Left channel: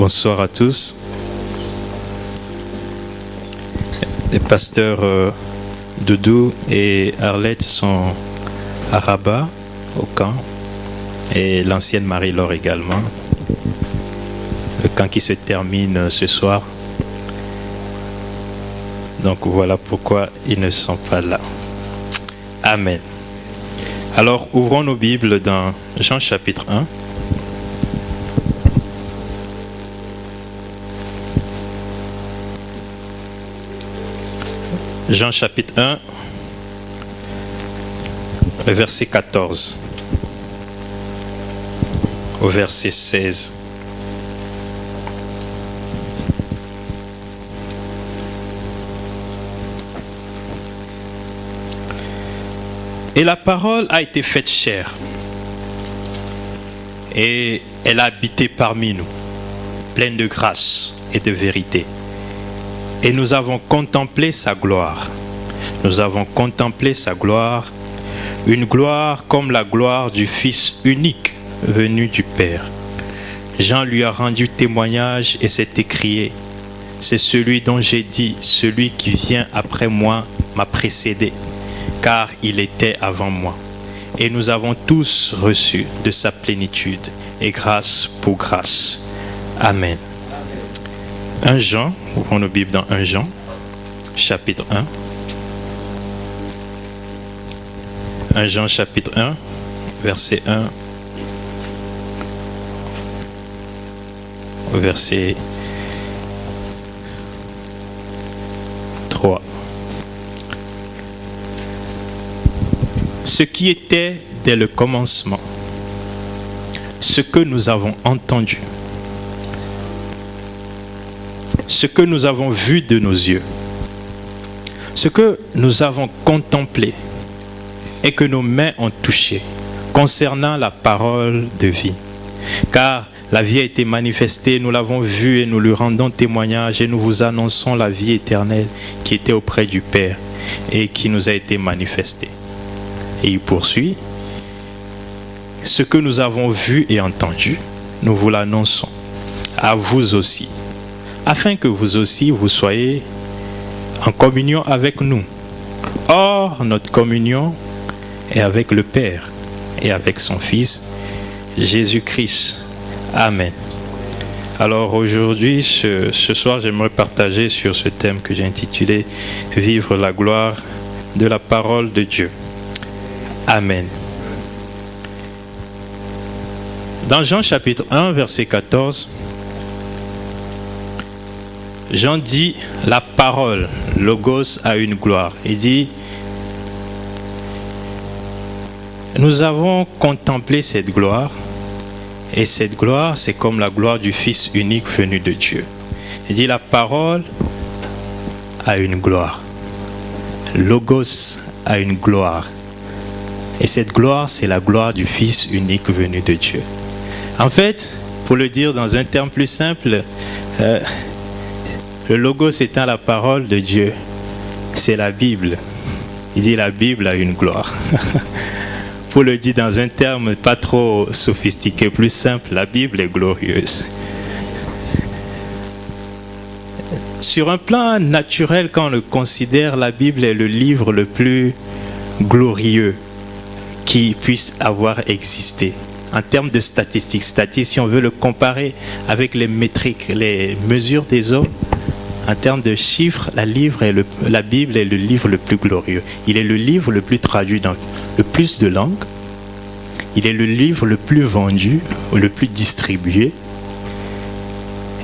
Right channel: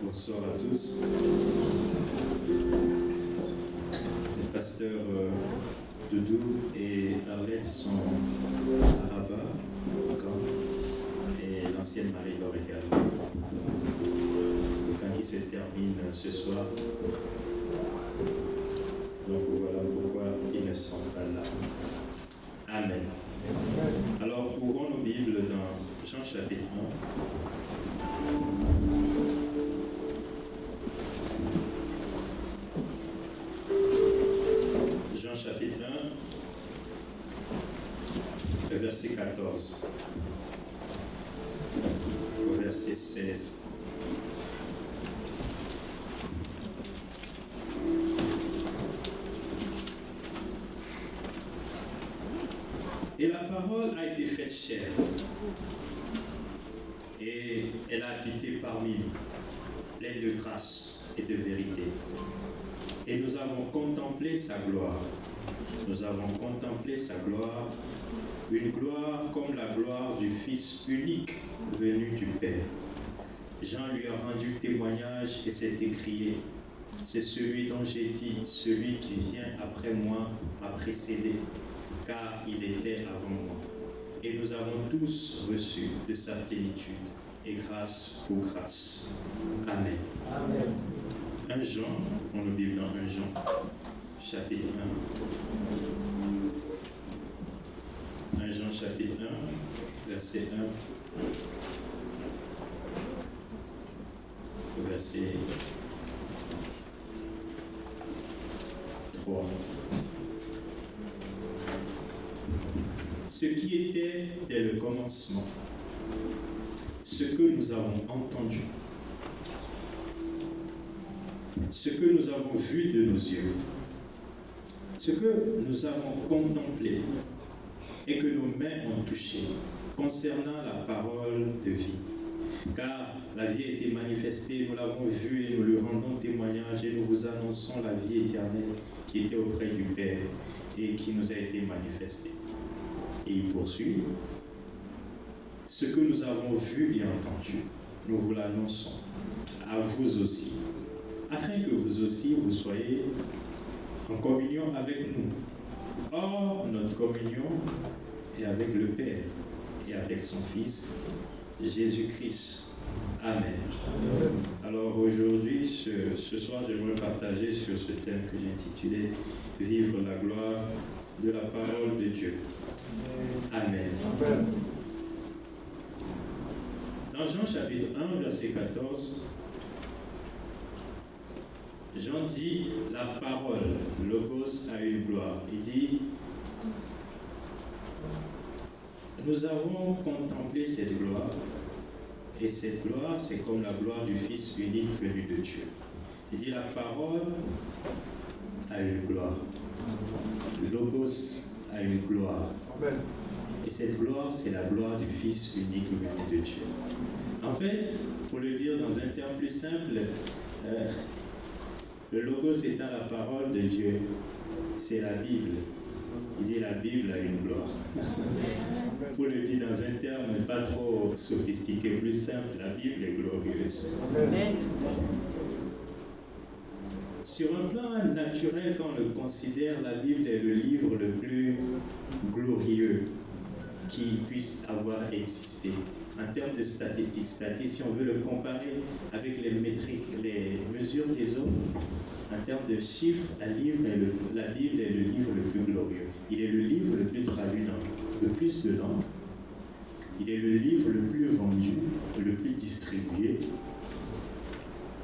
Bonsoir à tous. Les pasteurs Doudou et Arlette sont à Rabat, au camp, et l'ancienne Marie-Laure également. Le camp qui se termine ce soir. Donc voilà pourquoi ils ne sont pas là. Amen. Alors ouvrons nos Bibles dans Jean chapitre 1. Jean chapitre 1, le verset 14 au verset 16. Et la parole a été faite chair, et elle a habité parmi nous, pleine de grâce et de vérité. Et nous avons contemplé sa gloire. Nous avons contemplé sa gloire, une gloire comme la gloire du Fils unique venu du Père. Jean lui a rendu témoignage et s'est écrié: c'est celui dont j'ai dit, celui qui vient après moi m'a précédé, car il était avant moi. Et nous avons tous reçu de sa plénitude, et grâce pour grâce. Amen. 1 Jean, ouvrons nos Bibles dans 1 Jean, chapitre 1. 1 Jean, chapitre 1, verset 1 au verset 3. Ce qui était dès le commencement, ce que nous avons entendu, ce que nous avons vu de nos yeux, ce que nous avons contemplé et que nos mains ont touché concernant la parole de vie. Car la vie a été manifestée, nous l'avons vue et nous lui rendons témoignage et nous vous annonçons la vie éternelle qui était auprès du Père et qui nous a été manifestée. Et il poursuit: ce que nous avons vu et entendu, nous vous l'annonçons à vous aussi, afin que vous aussi vous soyez en communion avec nous. Or, notre communion est avec le Père et avec son Fils, Jésus-Christ. Amen. Alors aujourd'hui, ce soir, j'aimerais partager sur ce thème que j'ai intitulé « Vivre la gloire de la parole de Dieu ». Amen. Dans Jean chapitre 1, verset 14, Jean dit la parole, logos, a une gloire. Il dit: nous avons contemplé cette gloire, et cette gloire, c'est comme la gloire du Fils unique venu de Dieu. Il dit la parole a une gloire. Logos a une gloire. Et cette gloire, c'est la gloire du Fils unique venu de Dieu. En fait, pour le dire dans un terme plus simple, le logos étant la parole de Dieu, c'est la Bible. Il dit la Bible a une gloire. Pour le dire dans un terme pas trop sophistiqué, plus simple, la Bible est glorieuse. Sur un plan naturel, quand on le considère, la Bible est le livre le plus glorieux qui puisse avoir existé. En termes de statistiques, si on veut le comparer avec les métriques, les mesures des hommes, en termes de chiffres, la Bible est le livre le plus glorieux. Il est le livre le plus traduit dans le plus de langues. Il est le livre le plus vendu, le plus distribué.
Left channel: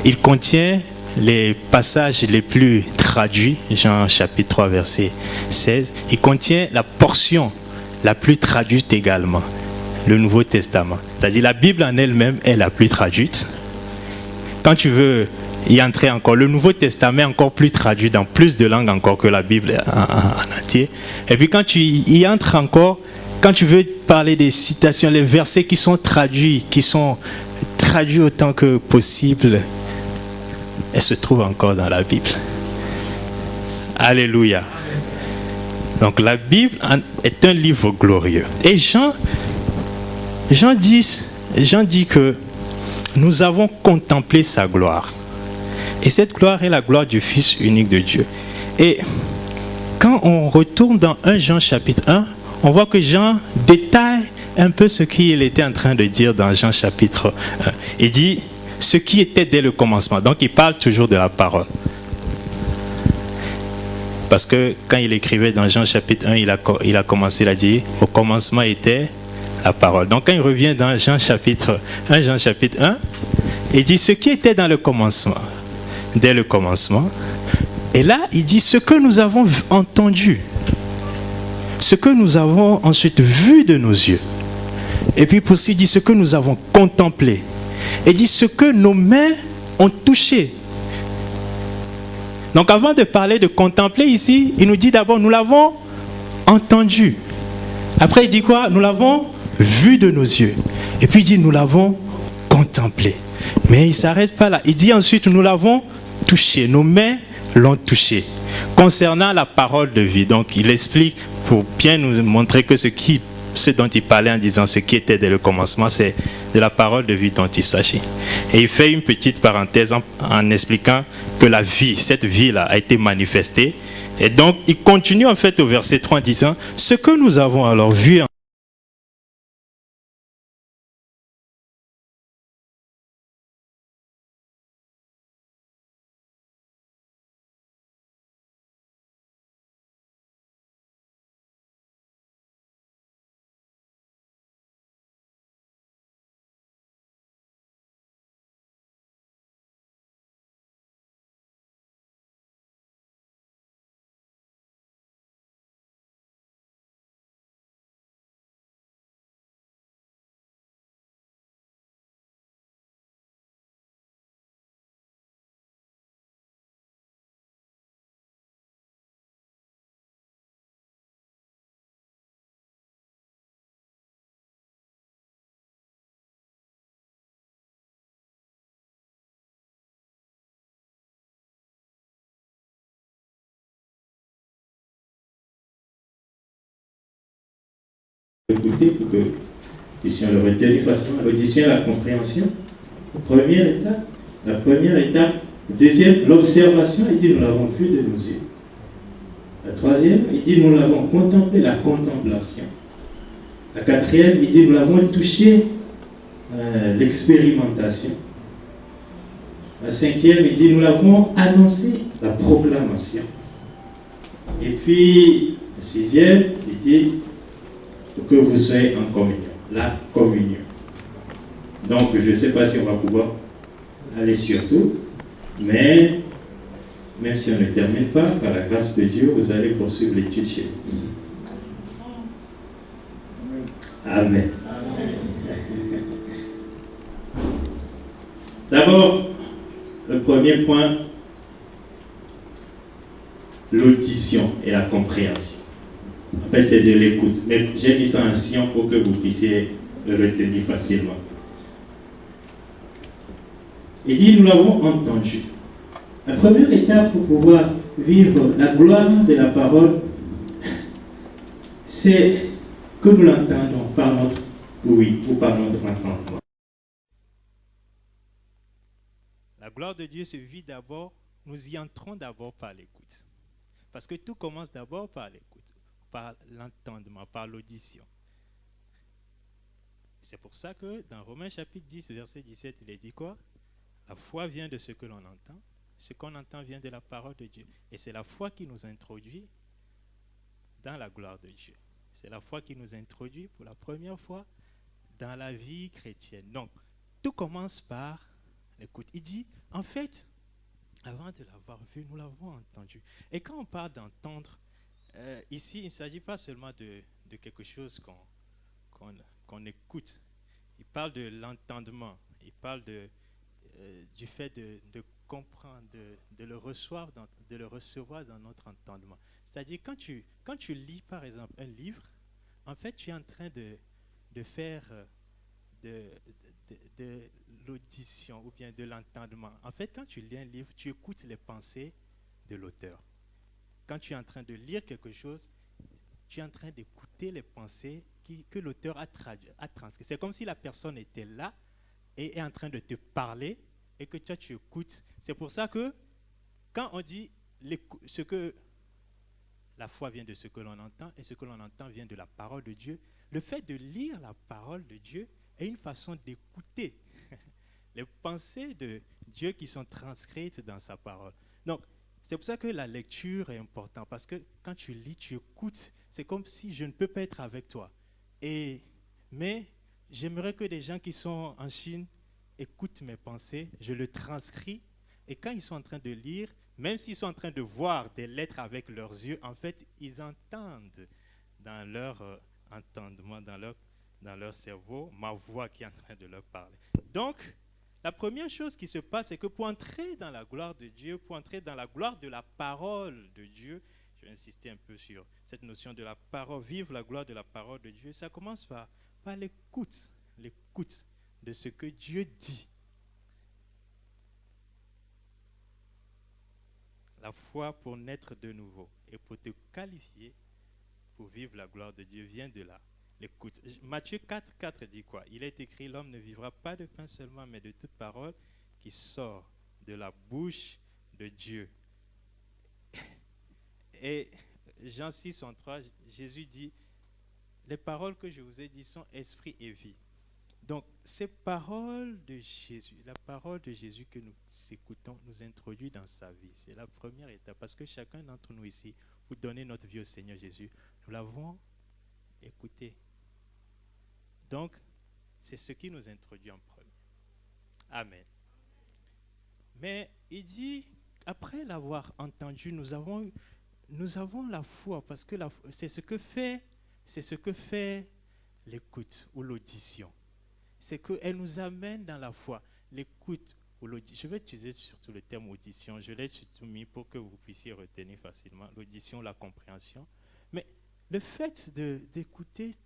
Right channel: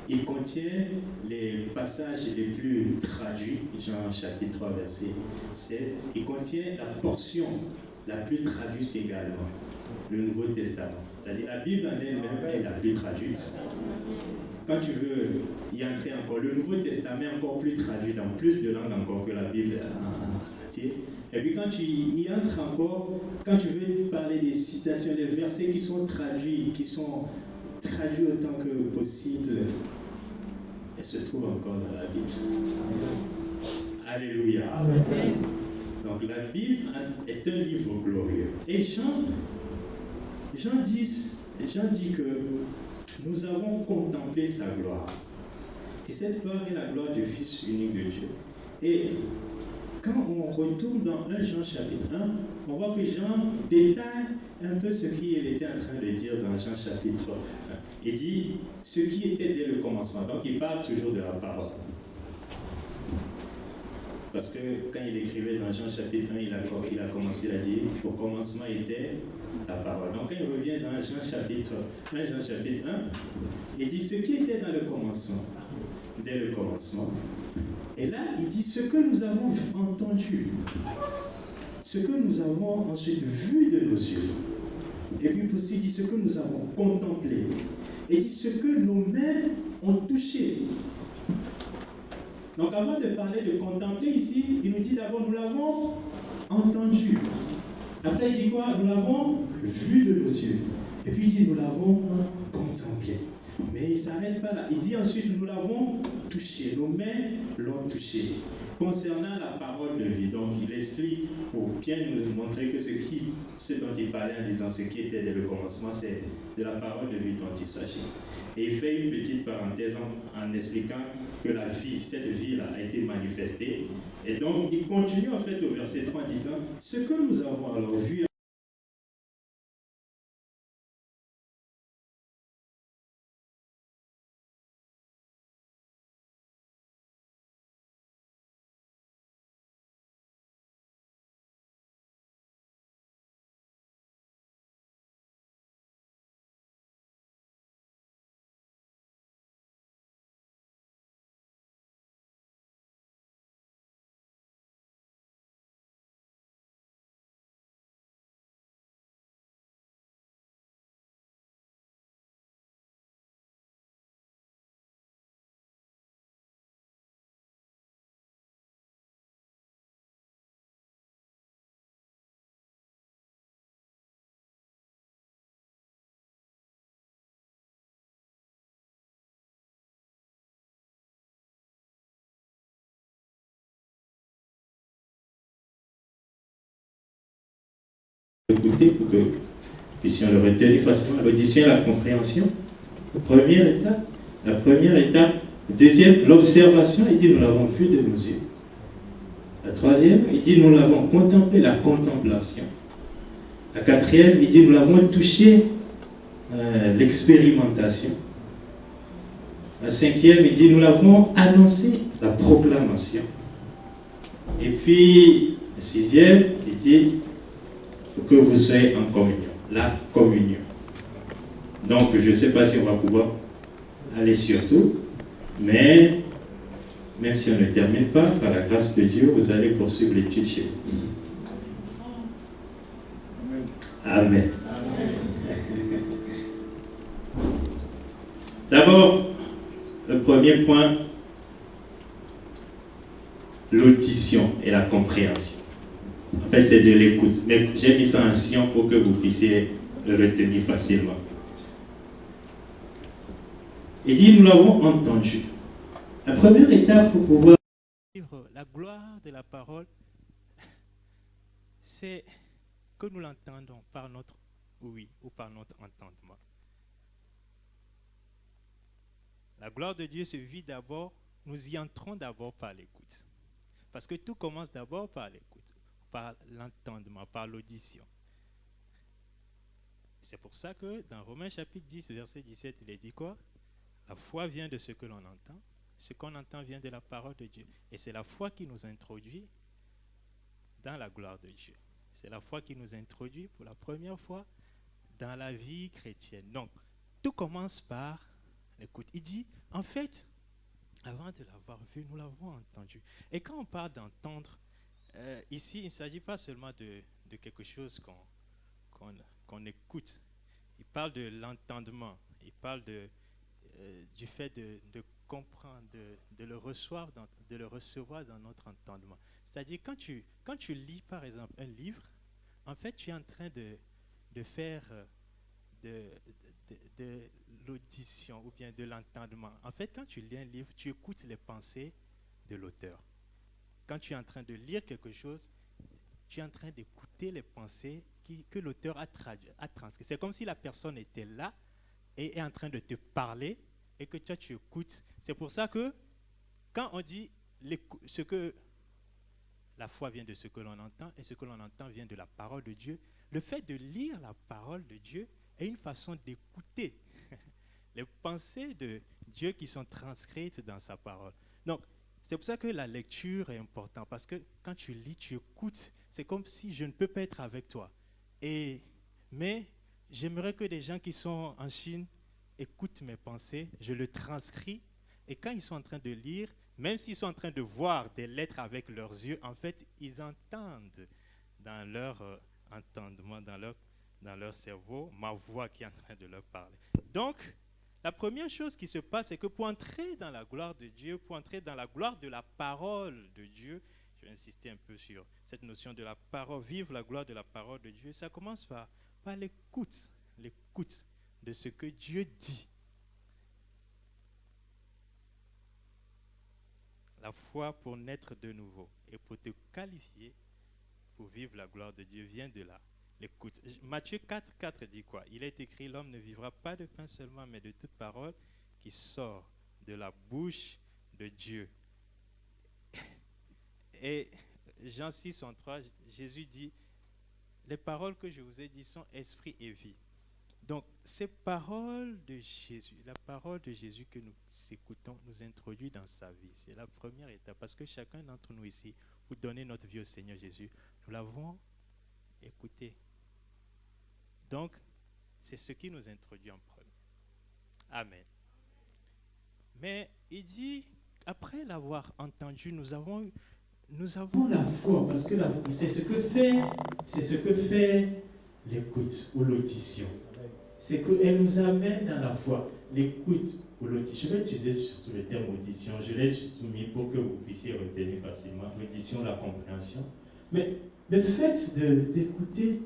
Il contient les passages les plus traduits, Jean chapitre 3, verset 16. Il contient la portion la plus traduite également, le Nouveau Testament. C'est-à-dire la Bible en elle-même est la plus traduite. Quand tu veux y entrer encore, le Nouveau Testament est encore plus traduit dans plus de langues encore que la Bible en entier. Et puis quand tu y entres encore, quand tu veux parler des citations, les versets qui sont traduits autant que possible, elles se trouvent encore dans la Bible. Alléluia. Donc la Bible est un livre glorieux. Et Jean dit que nous avons contemplé sa gloire. Et cette gloire est la gloire du Fils unique de Dieu. Et quand on retourne dans 1 Jean chapitre 1, on voit que Jean détaille un peu ce qu'il était en train de dire dans Jean chapitre 1. Il dit ce qui était dès le commencement. Donc il parle toujours de la parole. Parce que quand il écrivait dans Jean chapitre 1, il a commencé, il a dit au commencement était la parole. Donc quand il revient dans Jean chapitre 1, il dit ce qui était dans le commencement, dès le commencement. Et là, il dit ce que nous avons entendu, ce que nous avons ensuite vu de nos yeux. Et puis pour ça, il dit ce que nous avons contemplé. Et il dit ce que nos mains ont touché. Donc avant de parler de contempler ici, il nous dit d'abord nous l'avons entendu. Après il dit quoi? Nous l'avons vu de nos yeux. Et puis il dit nous l'avons contemplé. Mais il ne s'arrête pas là. Il dit ensuite nous l'avons touché. Nos mains l'ont touché. Concernant la parole de vie, donc il explique pour bien nous montrer que ce dont il parlait en disant ce qui était dès le commencement, c'est de la parole de vie dont il s'agit. Et il fait une petite parenthèse en expliquant que la vie, cette vie-là a été manifestée. Et donc il continue en fait au verset 3 en disant ce que nous avons alors vu écouter pour que nous puissions le retenir facilement. L'audition et la compréhension. La première étape. Deuxième, l'observation. Il dit nous l'avons vu de nos yeux. La troisième, il dit nous l'avons contemplé, la contemplation. La quatrième, il dit nous l'avons touché, l'expérimentation. La cinquième, il dit nous l'avons annoncé, la proclamation. Et puis, le sixième, il dit pour que vous soyez en communion, la communion. Donc, je ne sais pas si on va pouvoir aller sur tout, mais même si on ne termine pas, par la grâce de Dieu, vous allez poursuivre l'étude chez vous. Amen. D'abord, le premier point, l'audition et la compréhension. En fait, c'est de l'écoute. Mais j'ai mis ça en sion pour que vous puissiez le retenir facilement. Il dit, nous l'avons entendu. La première étape pour pouvoir vivre la gloire de la parole, c'est que nous l'entendons par notre oui ou par notre entendement. La gloire de Dieu se vit d'abord, nous y entrons d'abord par l'écoute. Parce que tout commence d'abord par l'écoute, par l'entendement, par l'audition. C'est pour ça que dans Romains chapitre 10, verset 17, il est dit quoi? La foi vient de ce que l'on entend. Ce qu'on entend vient de la parole de Dieu. Et c'est la foi qui nous introduit dans la gloire de Dieu. C'est la foi qui nous introduit pour la première fois dans la vie chrétienne. Donc, tout commence par l'écoute. Il dit, en fait, avant de l'avoir vu, nous l'avons entendu. Et quand on parle d'entendre, ici, il ne s'agit pas seulement de quelque chose qu'on écoute. Il parle de l'entendement. Il parle du fait de comprendre, de le recevoir dans notre entendement. C'est-à-dire, quand tu lis, par exemple, un livre, en fait, tu es en train de faire de l'audition ou bien de l'entendement. En fait, quand tu lis un livre, tu écoutes les pensées de l'auteur. Quand tu es en train de lire quelque chose, tu es en train d'écouter les pensées que l'auteur a transcrites. C'est comme si la personne était là et est en train de te parler et que toi tu écoutes. C'est pour ça que quand on dit ce que la foi vient de ce que l'on entend et ce que l'on entend vient de la parole de Dieu, le fait de lire la parole de Dieu est une façon d'écouter les pensées de Dieu qui sont transcrites dans sa parole. Donc, c'est pour ça que la lecture est importante, parce que quand tu lis, tu écoutes. C'est comme si je ne peux pas être avec toi. Mais j'aimerais que des gens qui sont en Chine écoutent mes pensées, je le transcris, et quand ils sont en train de lire, même s'ils sont en train de voir des lettres avec leurs yeux, en fait, ils entendent dans leur entendement, dans leur cerveau, ma voix qui est en train de leur parler. Donc, la première chose qui se passe, c'est que pour entrer dans la gloire de Dieu, pour entrer dans la gloire de la parole de Dieu, je vais insister un peu sur cette notion de la parole, vivre la gloire de la parole de Dieu, ça commence par l'écoute de ce que Dieu dit. La foi pour naître de nouveau et pour te qualifier pour vivre la gloire de Dieu vient de là. L'écoute. Matthieu 4 dit quoi? Il est écrit, l'homme ne vivra pas de pain seulement, mais de toute parole qui sort de la bouche de Dieu. Et Jean 6:3, Jésus dit, les paroles que je vous ai dites sont esprit et vie. Donc, ces paroles de Jésus, la parole de Jésus que nous écoutons, nous introduit dans sa vie. C'est la première étape, parce que chacun d'entre nous ici, pour donner notre vie au Seigneur Jésus, nous l'avons écouté. Donc, c'est ce qui nous introduit en premier. Amen. Mais il dit, après l'avoir entendu, nous avons la foi, parce que c'est ce que fait l'écoute ou l'audition. C'est qu'elle nous amène dans la foi. L'écoute ou l'audition. Je vais utiliser surtout le terme audition. Je l'ai soumis pour que vous puissiez retenir facilement. L'audition, la compréhension. Mais le fait d'écouter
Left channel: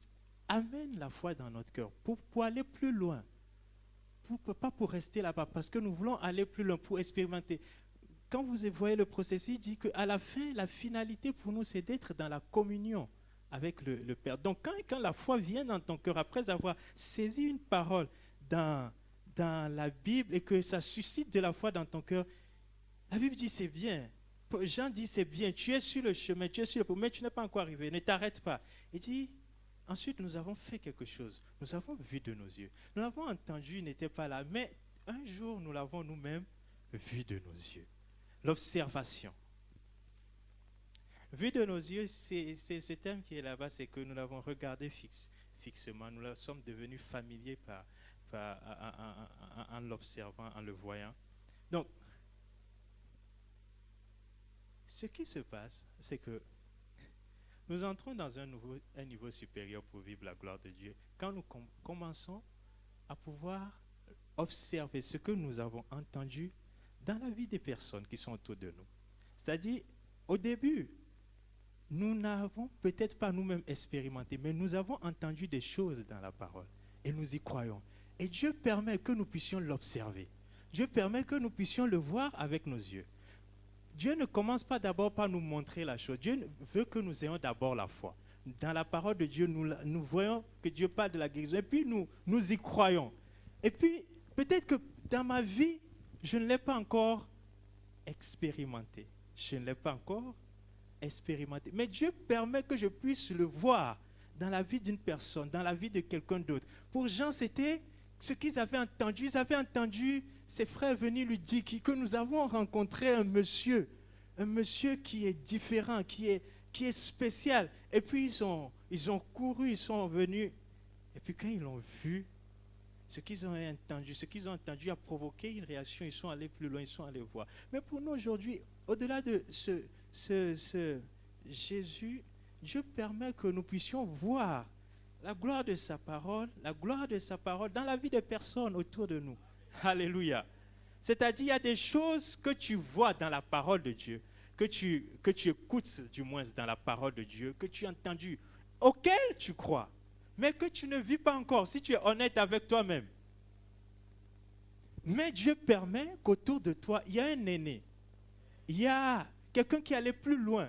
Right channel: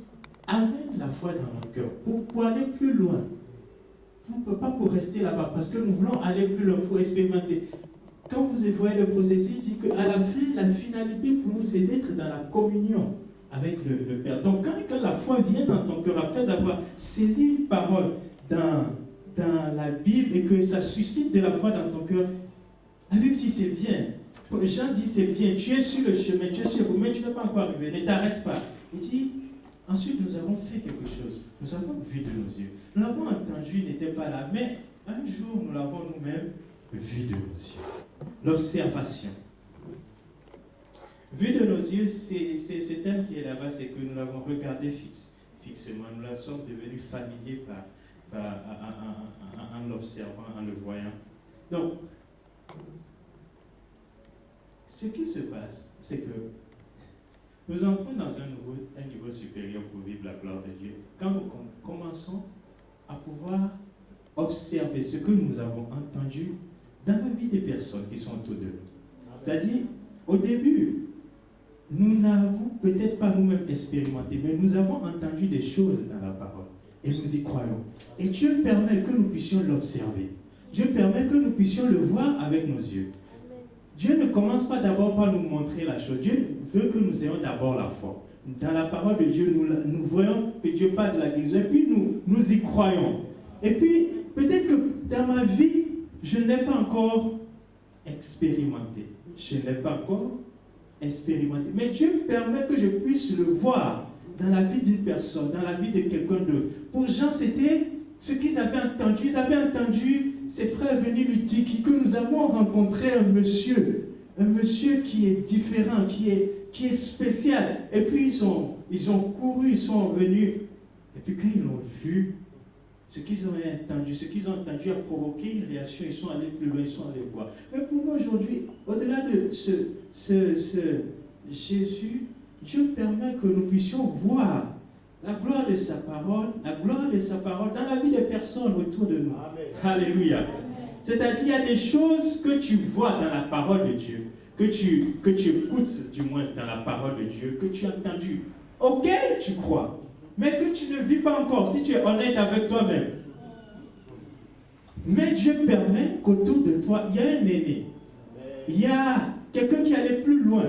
amène la foi dans notre cœur pour aller plus loin. Pas pour rester là-bas, parce que nous voulons aller plus loin pour expérimenter. Quand vous voyez le processus, il dit qu'à la fin, la finalité pour nous, c'est d'être dans la communion avec le Père. Donc quand la foi vient dans ton cœur, après avoir saisi une parole dans la Bible et que ça suscite de la foi dans ton cœur, la Bible dit c'est bien. Jean dit c'est bien, tu es sur le chemin, tu es sur le chemin, mais tu n'es pas encore arrivé, ne t'arrête pas. Il dit, ensuite nous avons fait quelque chose, nous avons vu de nos yeux, nous l'avons entendu, il n'était pas là, mais un jour nous l'avons nous-mêmes vu de nos yeux. L'observation. Vu de nos yeux, c'est ce thème qui est là-bas, c'est que nous l'avons regardé fixement, nous la sommes devenus familiers en l'observant, en le voyant. Donc, ce qui se passe, c'est que nous entrons dans un niveau supérieur pour vivre la gloire de Dieu. Quand nous commençons à pouvoir observer ce que nous avons entendu dans la vie des personnes qui sont autour de nous. C'est-à-dire, au début, nous n'avons peut-être pas nous-mêmes expérimenté, mais nous avons entendu des choses dans la parole et nous y croyons. Et Dieu permet que nous puissions l'observer. Dieu permet que nous puissions le voir avec nos yeux. Dieu ne commence pas d'abord par nous montrer la chose. Dieu veut que nous ayons d'abord la foi. Dans la parole de Dieu, nous voyons que Dieu parle de la guérison et puis nous y croyons. Et puis, peut-être que dans ma vie, je ne l'ai pas encore expérimenté. Mais Dieu permet que je puisse le voir dans la vie d'une personne, dans la vie de quelqu'un d'autre. Pour Jean, c'était ce qu'ils avaient entendu. Ils avaient entendu ses frères venir lui dire que nous avons rencontré un monsieur qui est différent, qui est spécial. Et puis ils ont couru, ils sont venus. Et puis quand ils l'ont vu, ce qu'ils ont entendu a provoqué une réaction. Ils sont allés plus loin, ils sont allés voir. Mais pour nous aujourd'hui, au-delà de ce Jésus, Dieu permet que nous puissions voir la gloire de sa parole dans la vie des personnes autour de nous. Amen. Alléluia. C'est-à-dire, il y a des choses que tu vois dans la parole de Dieu, que tu écoutes du moins dans la parole de Dieu, que tu as entendu, auxquelles tu crois, mais que tu ne vis pas encore, si tu es honnête avec toi-même. Mais Dieu permet qu'autour de toi, il y a un aîné. Il y a quelqu'un qui allait plus loin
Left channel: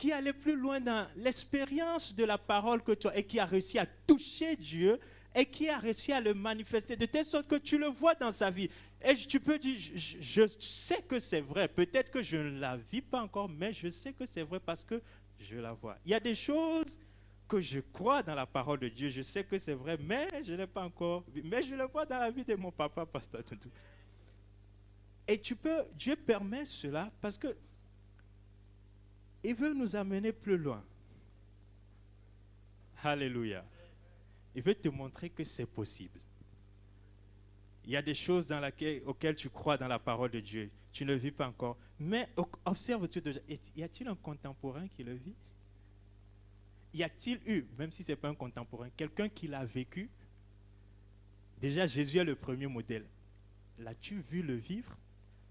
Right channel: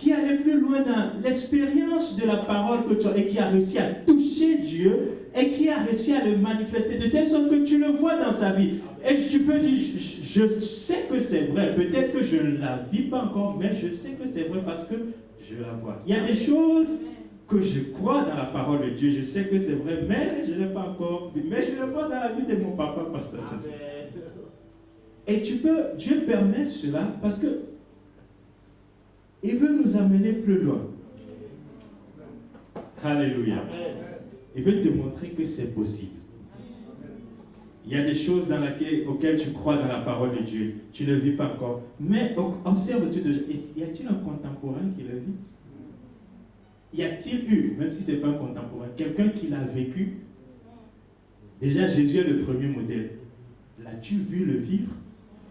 dans l'expérience de la parole que tu as et qui a réussi à toucher Dieu et qui a réussi à le manifester de telle sorte que tu le vois dans sa vie. Et tu peux dire, je sais que c'est vrai, peut-être que je ne la vis pas encore, mais je sais que c'est vrai parce que je la vois. Il y a des choses que je crois dans la parole de Dieu, je sais que c'est vrai, mais je ne l'ai pas encore vu. Mais je le vois dans la vie de mon papa, pasteur. Et Dieu permet cela parce que il veut nous amener plus loin. Alléluia. Il veut te montrer que c'est possible. Il y a des choses auxquelles tu crois dans la parole de Dieu. Tu ne le vis pas encore. Mais observe-tu, y a-t-il un contemporain qui le vit? Y a-t-il eu, même si ce n'est pas un contemporain, quelqu'un qui l'a vécu? Déjà, Jésus est le premier modèle. L'as-tu vu le vivre?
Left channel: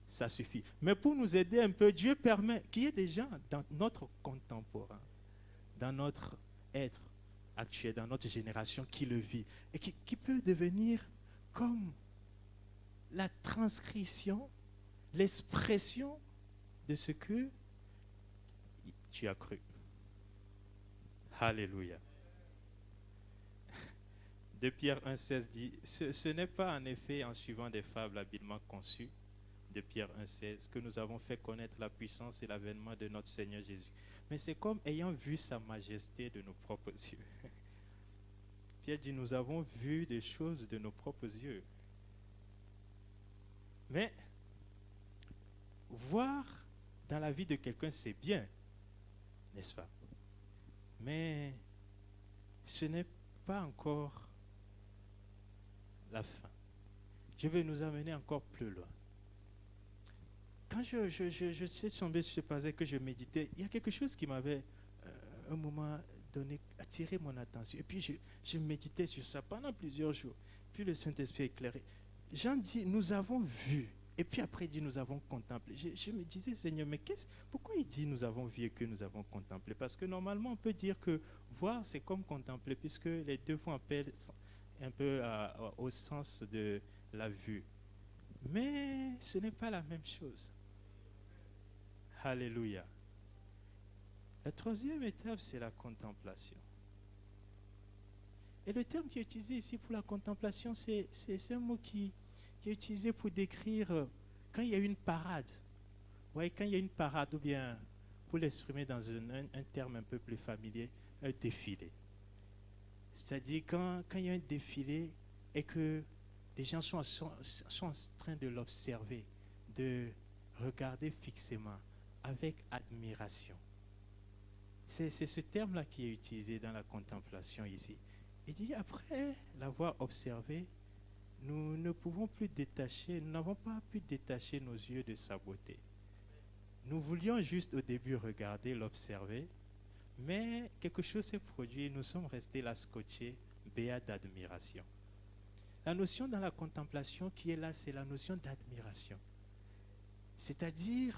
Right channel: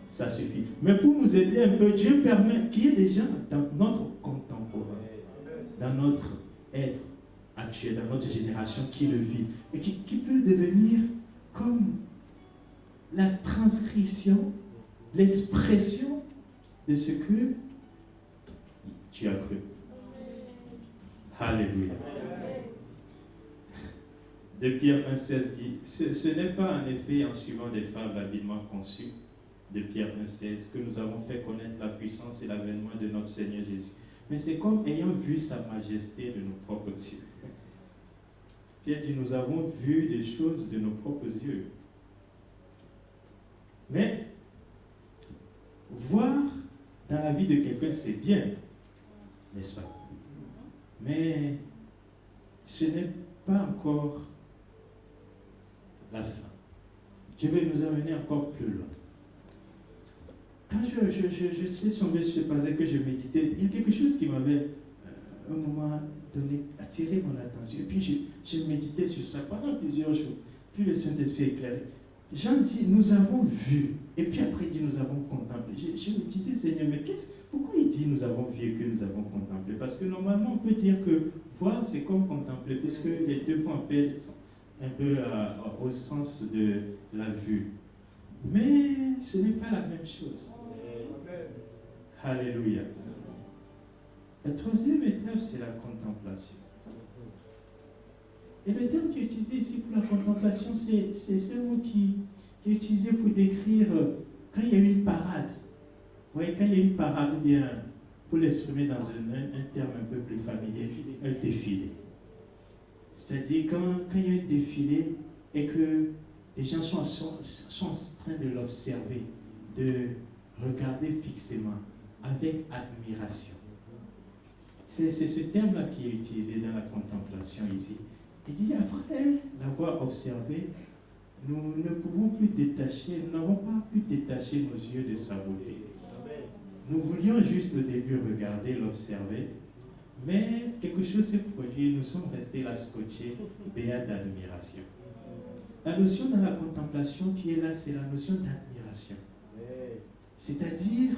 Ça suffit. Mais pour nous aider un peu, Dieu permet qu'il y ait des gens dans notre contemporain, dans notre être actuel, dans notre génération qui le vit et qui peut devenir comme la transcription, l'expression de ce que tu as cru. Alléluia. De Pierre 1,16 dit, ce n'est pas en effet en suivant des fables habilement conçues, de Pierre 1,16, que nous avons fait connaître la puissance et l'avènement de notre Seigneur Jésus. Mais c'est comme ayant vu sa majesté de nos propres yeux. Pierre dit, nous avons vu des choses de nos propres yeux. Mais voir dans la vie de quelqu'un, c'est bien, n'est-ce pas? Mais ce n'est pas encore la fin. Je vais nous amener encore plus loin. Quand je suis tombé sur ce passage que je méditais, il y a quelque chose qui m'avait, un moment donné, attiré mon attention. Et puis je méditais sur ça pendant plusieurs jours. Puis le Saint-Esprit éclairé. Jean dit, nous avons vu. Et puis après, il dit, nous avons contemplé. Je me disais, Seigneur, mais pourquoi il dit, nous avons vu et que nous avons contemplé? Parce que normalement, on peut dire que voir, c'est comme contempler, puisque les deux font appel un peu au sens de la vue. Mais ce n'est pas la même chose. Alléluia. La troisième étape, c'est la contemplation. Et le terme qui est utilisé ici pour la contemplation, c'est un mot qui est utilisé pour décrire quand il y a une parade. Oui, quand il y a une parade, ou bien, pour l'exprimer dans un terme un peu plus familier, un défilé. C'est-à-dire quand il y a un défilé et que les gens sont en train de l'observer, de regarder fixement, avec admiration. C'est ce terme-là qui est utilisé dans la contemplation ici. Il dit, après l'avoir observé, nous ne pouvons plus détacher, nous n'avons pas pu détacher nos yeux de sa beauté. Nous voulions juste au début regarder, l'observer, mais quelque chose s'est produit, nous sommes restés là scotchés, béats d'admiration. La notion dans la contemplation qui est là, c'est la notion d'admiration. C'est-à-dire,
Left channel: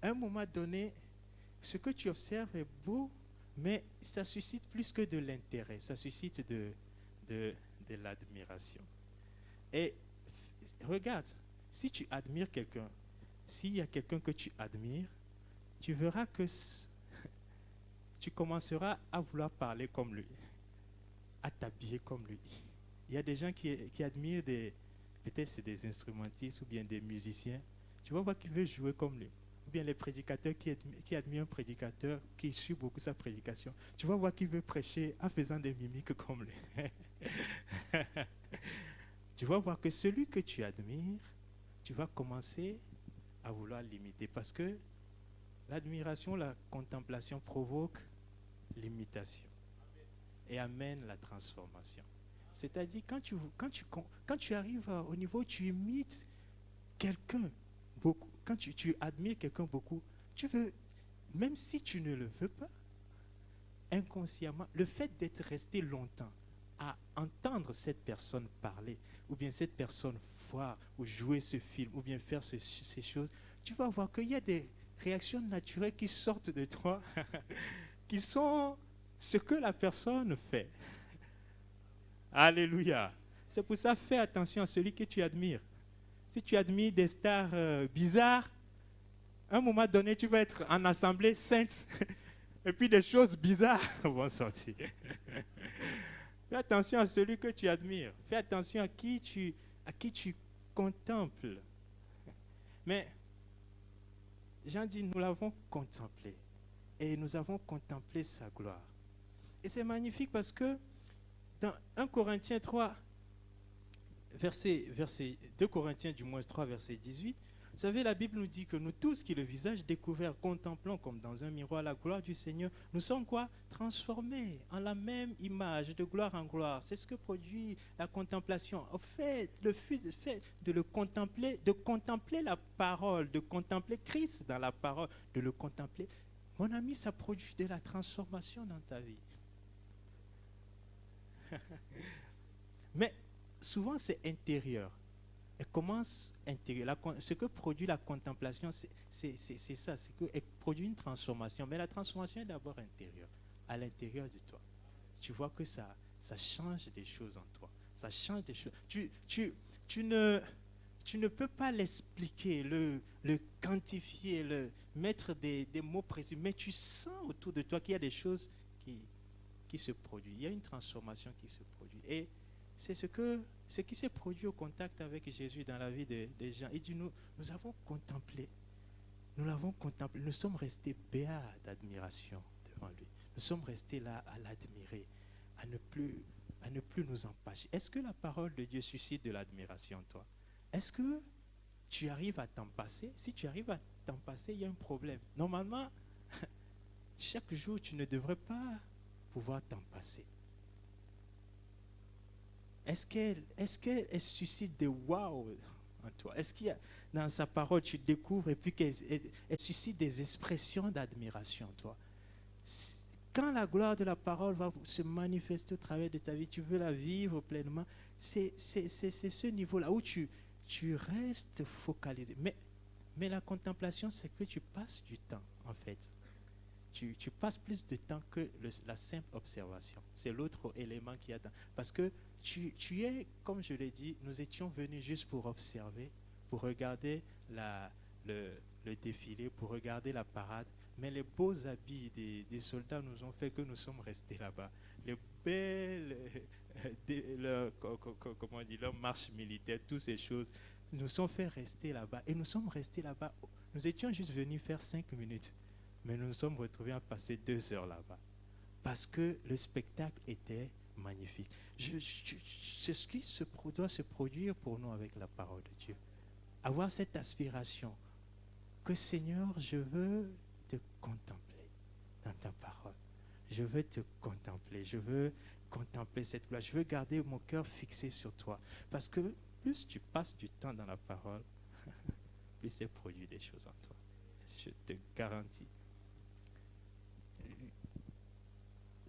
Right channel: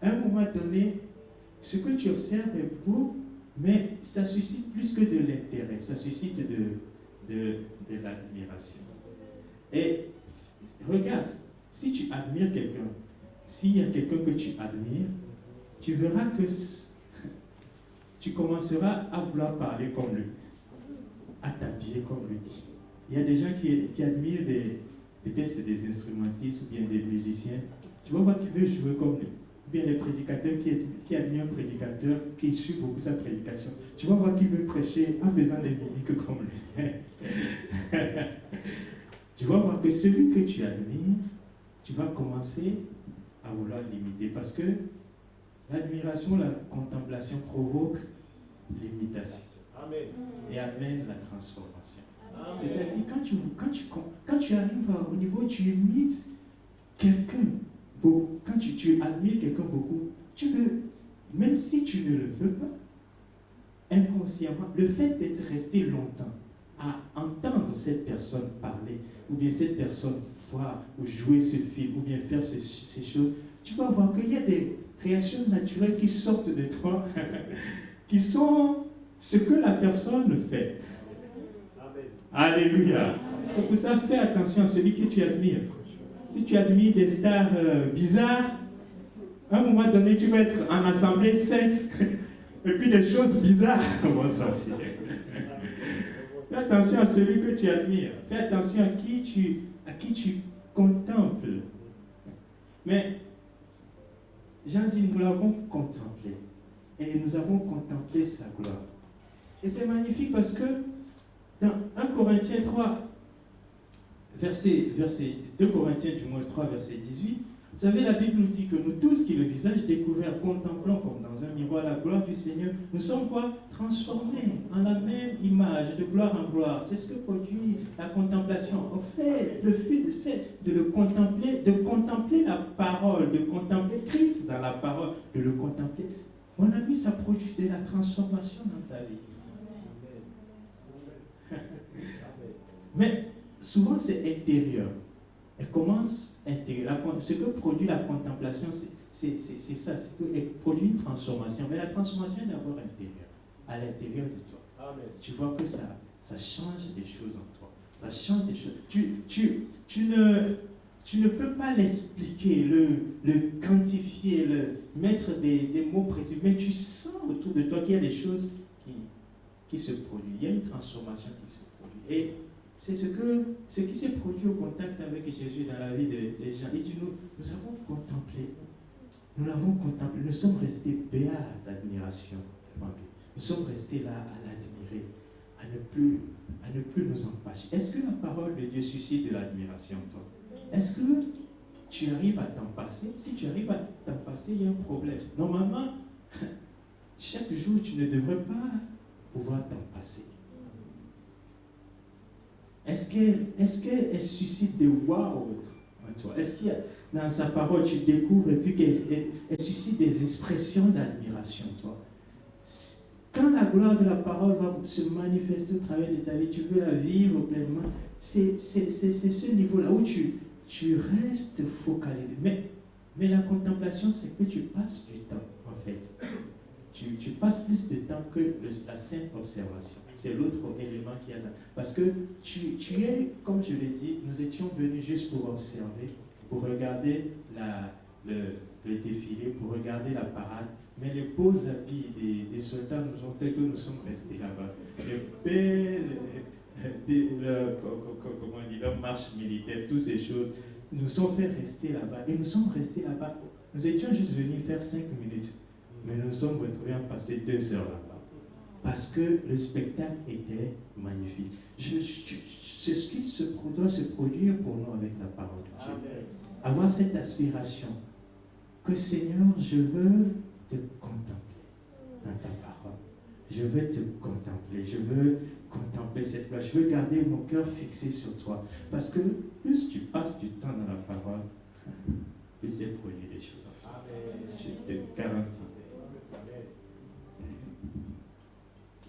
à un moment donné, ce que tu observes est beau, mais ça suscite plus que de l'intérêt, ça suscite de l'admiration. Et regarde, si tu admires quelqu'un, s'il y a quelqu'un que tu admires, tu verras que tu commenceras à vouloir parler comme lui, à t'habiller comme lui. Il y a des gens qui admirent peut-être c'est des instrumentistes ou bien des musiciens. Tu vas voir qu'ils veulent jouer comme lui. Ou bien les prédicateurs qui admirent un prédicateur, qui suit beaucoup sa prédication. Tu vas voir qu'ils veulent prêcher en faisant des mimiques comme lui. Tu vas voir que celui que tu admires, tu vas commencer à vouloir l'imiter. Parce que l'admiration, la contemplation provoque l'imitation. Et amène la transformation. C'est-à-dire, quand tu arrives au niveau où tu imites quelqu'un, quand tu admires quelqu'un beaucoup, tu veux, même si tu ne le veux pas, inconsciemment, le fait d'être resté longtemps à entendre cette personne parler, ou bien cette personne voir ou jouer ce film, ou bien faire ces choses, tu vas voir qu'il y a des réactions naturelles qui sortent de toi, qui sont ce que la personne fait. Alléluia. C'est pour ça, fais attention à celui que tu admires. Si tu admires des stars bizarres, à un moment donné, tu vas être en assemblée sainte, et puis des choses bizarres vont sortir. Fais attention à celui que tu admires. Fais attention à qui tu contemples. Mais Jean dit, nous l'avons contemplé. Et nous avons contemplé sa gloire. Et c'est magnifique parce que dans 1 Corinthiens 3, 2 Corinthiens du moins 3, verset 18, vous savez, la Bible nous dit que nous tous qui le visage découvert contemplons comme dans un miroir la gloire du Seigneur, nous sommes quoi? Transformés en la même image, de gloire en gloire. C'est ce que produit la contemplation. En fait, le fait de le contempler, de contempler la parole, de contempler Christ dans la parole, de le contempler, mon ami, ça produit de la transformation dans ta vie. Mais souvent, c'est intérieur. Elle commence intérieur. Ce que produit la contemplation, c'est ça, c'est qu'elle produit une transformation. Mais la transformation est d'abord intérieure, à l'intérieur de toi. Amen. Tu vois que ça change des choses en toi. Ça change des choses. Tu ne peux pas l'expliquer, le quantifier, mettre des mots précis, mais tu sens autour de toi qu'il y a des choses qui se produisent. Il y a une transformation qui se produit. Et c'est ce qui s'est produit au contact avec Jésus dans la vie des gens. Il dit, nous avons contemplé. Nous l'avons contemplé. Nous sommes restés béats d'admiration devant lui. Nous sommes restés là à l'admirer, à ne plus nous en passer. Est-ce que la parole de Dieu suscite de l'admiration en toi? Est-ce que tu arrives à t'en passer? Si tu arrives à t'en passer, il y a un problème. Normalement, chaque jour, tu ne devrais pas pouvoir t'en passer. Est-ce qu'elle suscite des waouh en toi? Est-ce qu'il y a, dans sa parole, tu découvres et puis qu'elle suscite des expressions d'admiration en toi? Quand la gloire de la parole va se manifester au travers de ta vie, tu veux la vivre pleinement, c'est ce niveau-là où tu restes focalisé. Mais la contemplation, c'est que tu passes du temps, en fait. Tu passes plus de temps que la simple observation. C'est l'autre élément qu'il y a dans. Parce que tu es, comme je l'ai dit, nous étions venus juste pour observer, pour regarder le défilé, pour regarder la parade. Mais les beaux habits des soldats nous ont fait que nous sommes restés là-bas. Les belles, comment on dit, leur marche militaire, toutes ces choses, nous ont fait rester là-bas. Et nous sommes restés là-bas. Nous étions juste venus faire 5 minutes. Mais nous nous sommes retrouvés à passer 2 heures là-bas. Parce que le spectacle était magnifique. C'est ce qui doit se produire pour nous avec la parole de Dieu. Amen. Avoir cette aspiration que Seigneur, je veux te contempler dans ta parole. Je veux te contempler. Je veux contempler cette gloire. Je veux garder mon cœur fixé sur toi. Parce que plus tu passes du temps dans la parole, plus c'est produit des choses en toi. Amen. Je te garantis.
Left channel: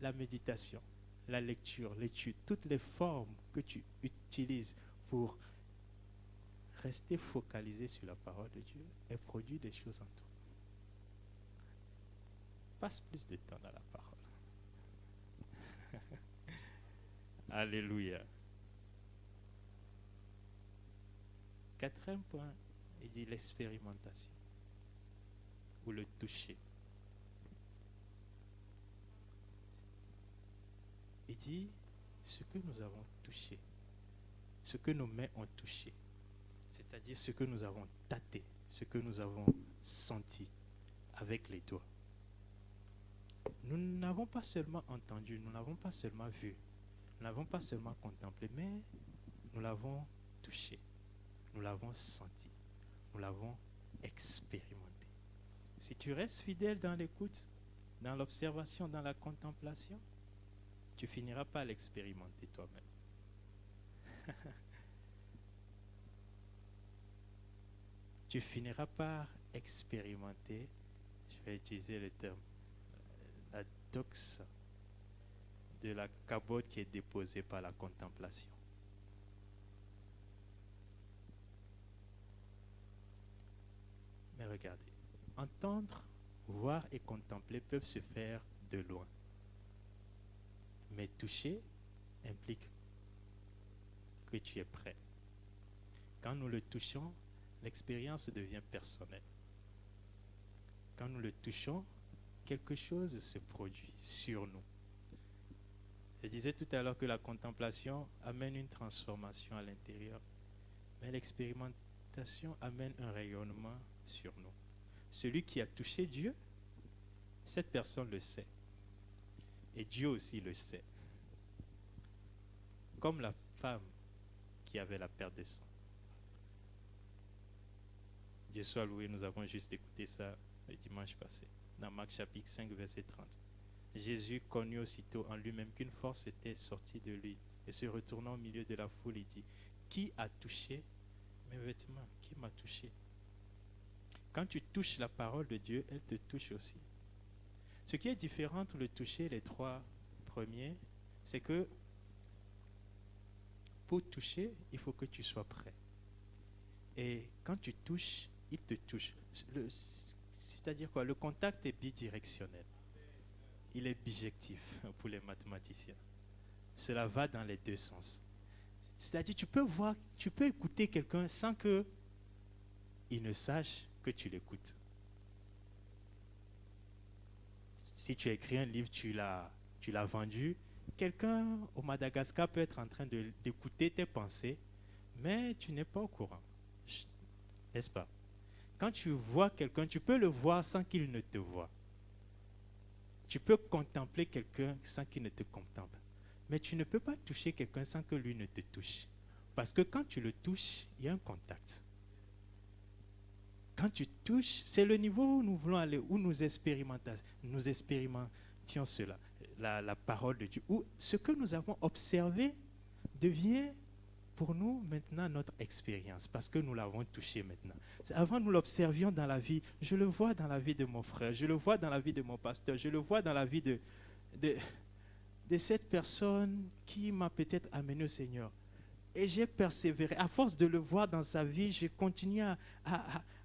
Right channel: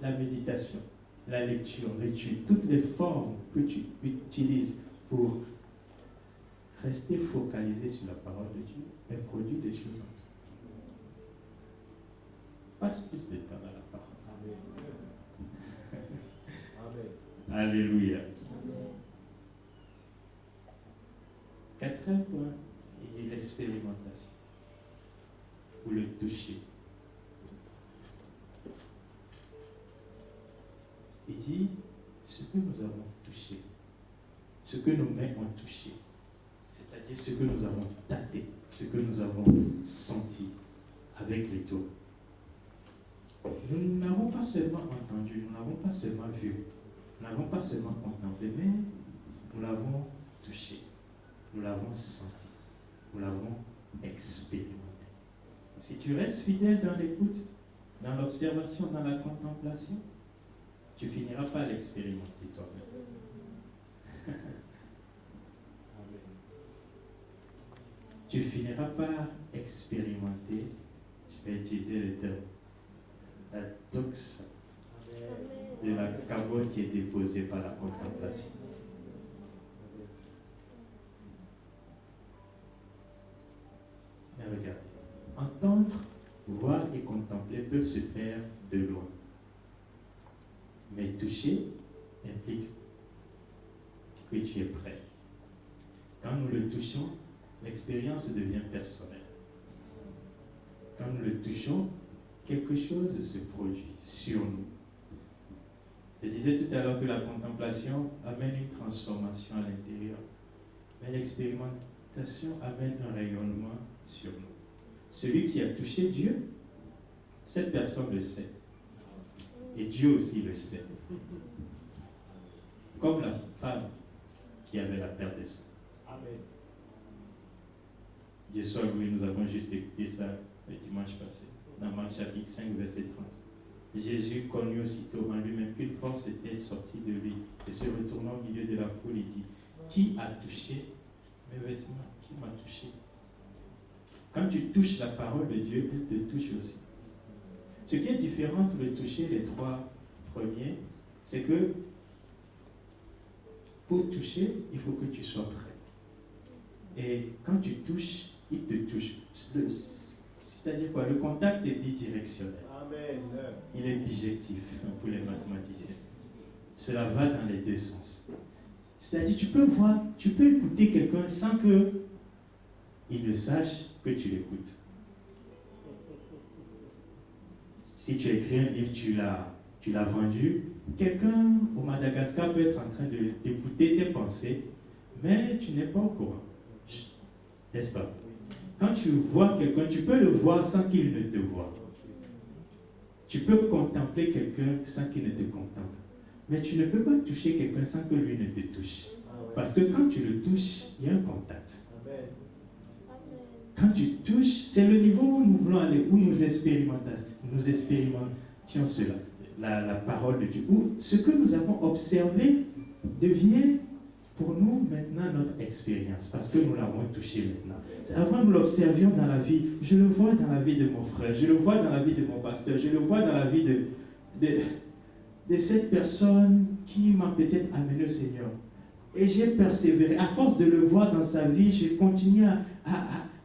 La méditation, la lecture, l'étude, toutes les formes que tu utilises pour rester focalisé sur la parole de Dieu, elles produisent des choses en toi. Passe plus de temps dans la parole. Amen. Alléluia. Amen. 4e point, il dit l'expérimentation ou le toucher. Il dit ce que nous avons touché, ce que nos mains ont touché, c'est-à-dire ce que nous avons tâté, ce que nous avons senti avec les doigts. Nous n'avons pas seulement entendu, nous n'avons pas seulement vu, nous n'avons pas seulement contemplé, mais nous l'avons touché, nous l'avons senti, nous l'avons expérimenté. Si tu restes fidèle dans l'écoute, dans l'observation, dans la contemplation, tu finiras par l'expérimenter toi-même. Tu finiras par expérimenter, je vais utiliser le terme, la doxa de la carbone qui est déposée par la contemplation. Mais regardez, entendre, voir et contempler peuvent se faire de loin. Mais toucher implique que tu es prêt. Quand nous le touchons, l'expérience devient personnelle. Quand nous le touchons, quelque chose se produit sur nous. Je disais tout à l'heure que la contemplation amène une transformation à l'intérieur, mais l'expérimentation amène un rayonnement sur nous. Celui qui a touché Dieu, cette personne le sait. Et Dieu aussi le sait. Comme la femme qui avait la perte de sang. Amen. Dieu soit loué, nous avons juste écouté ça le dimanche passé, dans Marc chapitre 5, verset 30. Jésus connut aussitôt en lui-même qu'une force était sortie de lui, et se retournant au milieu de la foule, il dit, qui a touché mes vêtements? Qui m'a touché? Quand tu touches la parole de Dieu, elle te touche aussi. Ce qui est différent entre le toucher, les trois premiers, c'est que pour toucher, il faut que tu sois prêt. Et quand tu touches, il te touche. C'est-à-dire quoi? Le contact est bidirectionnel. Amen. Il est bijectif pour les mathématiciens. Cela va dans les deux sens. C'est-à-dire, tu peux écouter quelqu'un sans qu'il ne sache que tu l'écoutes. Si tu as écrit un livre, tu l'as vendu, quelqu'un au Madagascar peut être en train d'écouter tes pensées, mais tu n'es pas au courant. N'est-ce pas? Quand tu vois quelqu'un, tu peux le voir sans qu'il ne te voie. Tu peux contempler quelqu'un sans qu'il ne te contemple. Mais tu ne peux pas toucher quelqu'un sans que lui ne te touche. Parce que quand tu le touches, il y a un contact. Quand tu touches, c'est le niveau où nous voulons aller, où nous expérimentions cela, la parole de Dieu. Où ce que nous avons observé devient pour nous maintenant notre expérience, parce que nous l'avons touché maintenant. Avant, nous l'observions dans la vie. Je le vois dans la vie de mon frère, je le vois dans la vie de mon pasteur, je le vois dans la vie de cette personne qui m'a peut-être amené au Seigneur. Et j'ai persévéré. À force de le voir dans sa vie, j'ai continué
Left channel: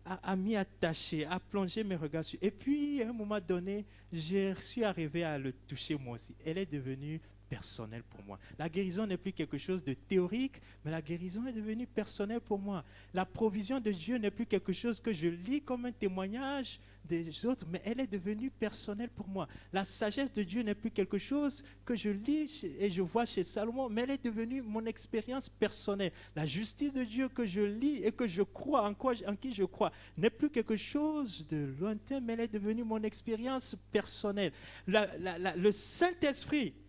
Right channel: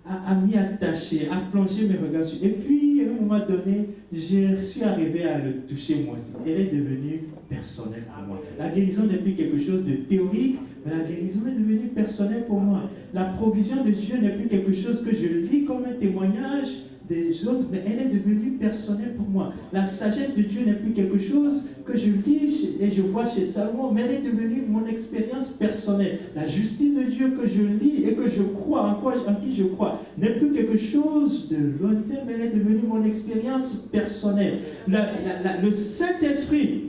à m'y attacher, à plonger mes regards sur. Et puis, à un moment donné, je suis arrivé à le toucher moi aussi. Elle est devenue personnelle pour moi. La guérison n'est plus quelque chose de théorique, mais la guérison est devenue personnelle pour moi. La provision de Dieu n'est plus quelque chose que je lis comme un témoignage des autres, mais elle est devenue personnelle pour moi. La sagesse de Dieu n'est plus quelque chose que je lis et je vois chez Salomon, mais elle est devenue mon expérience personnelle. La justice de Dieu que je lis et que je crois, en qui je crois, n'est plus quelque chose de lointain, mais elle est devenue mon expérience personnelle. Le Saint-Esprit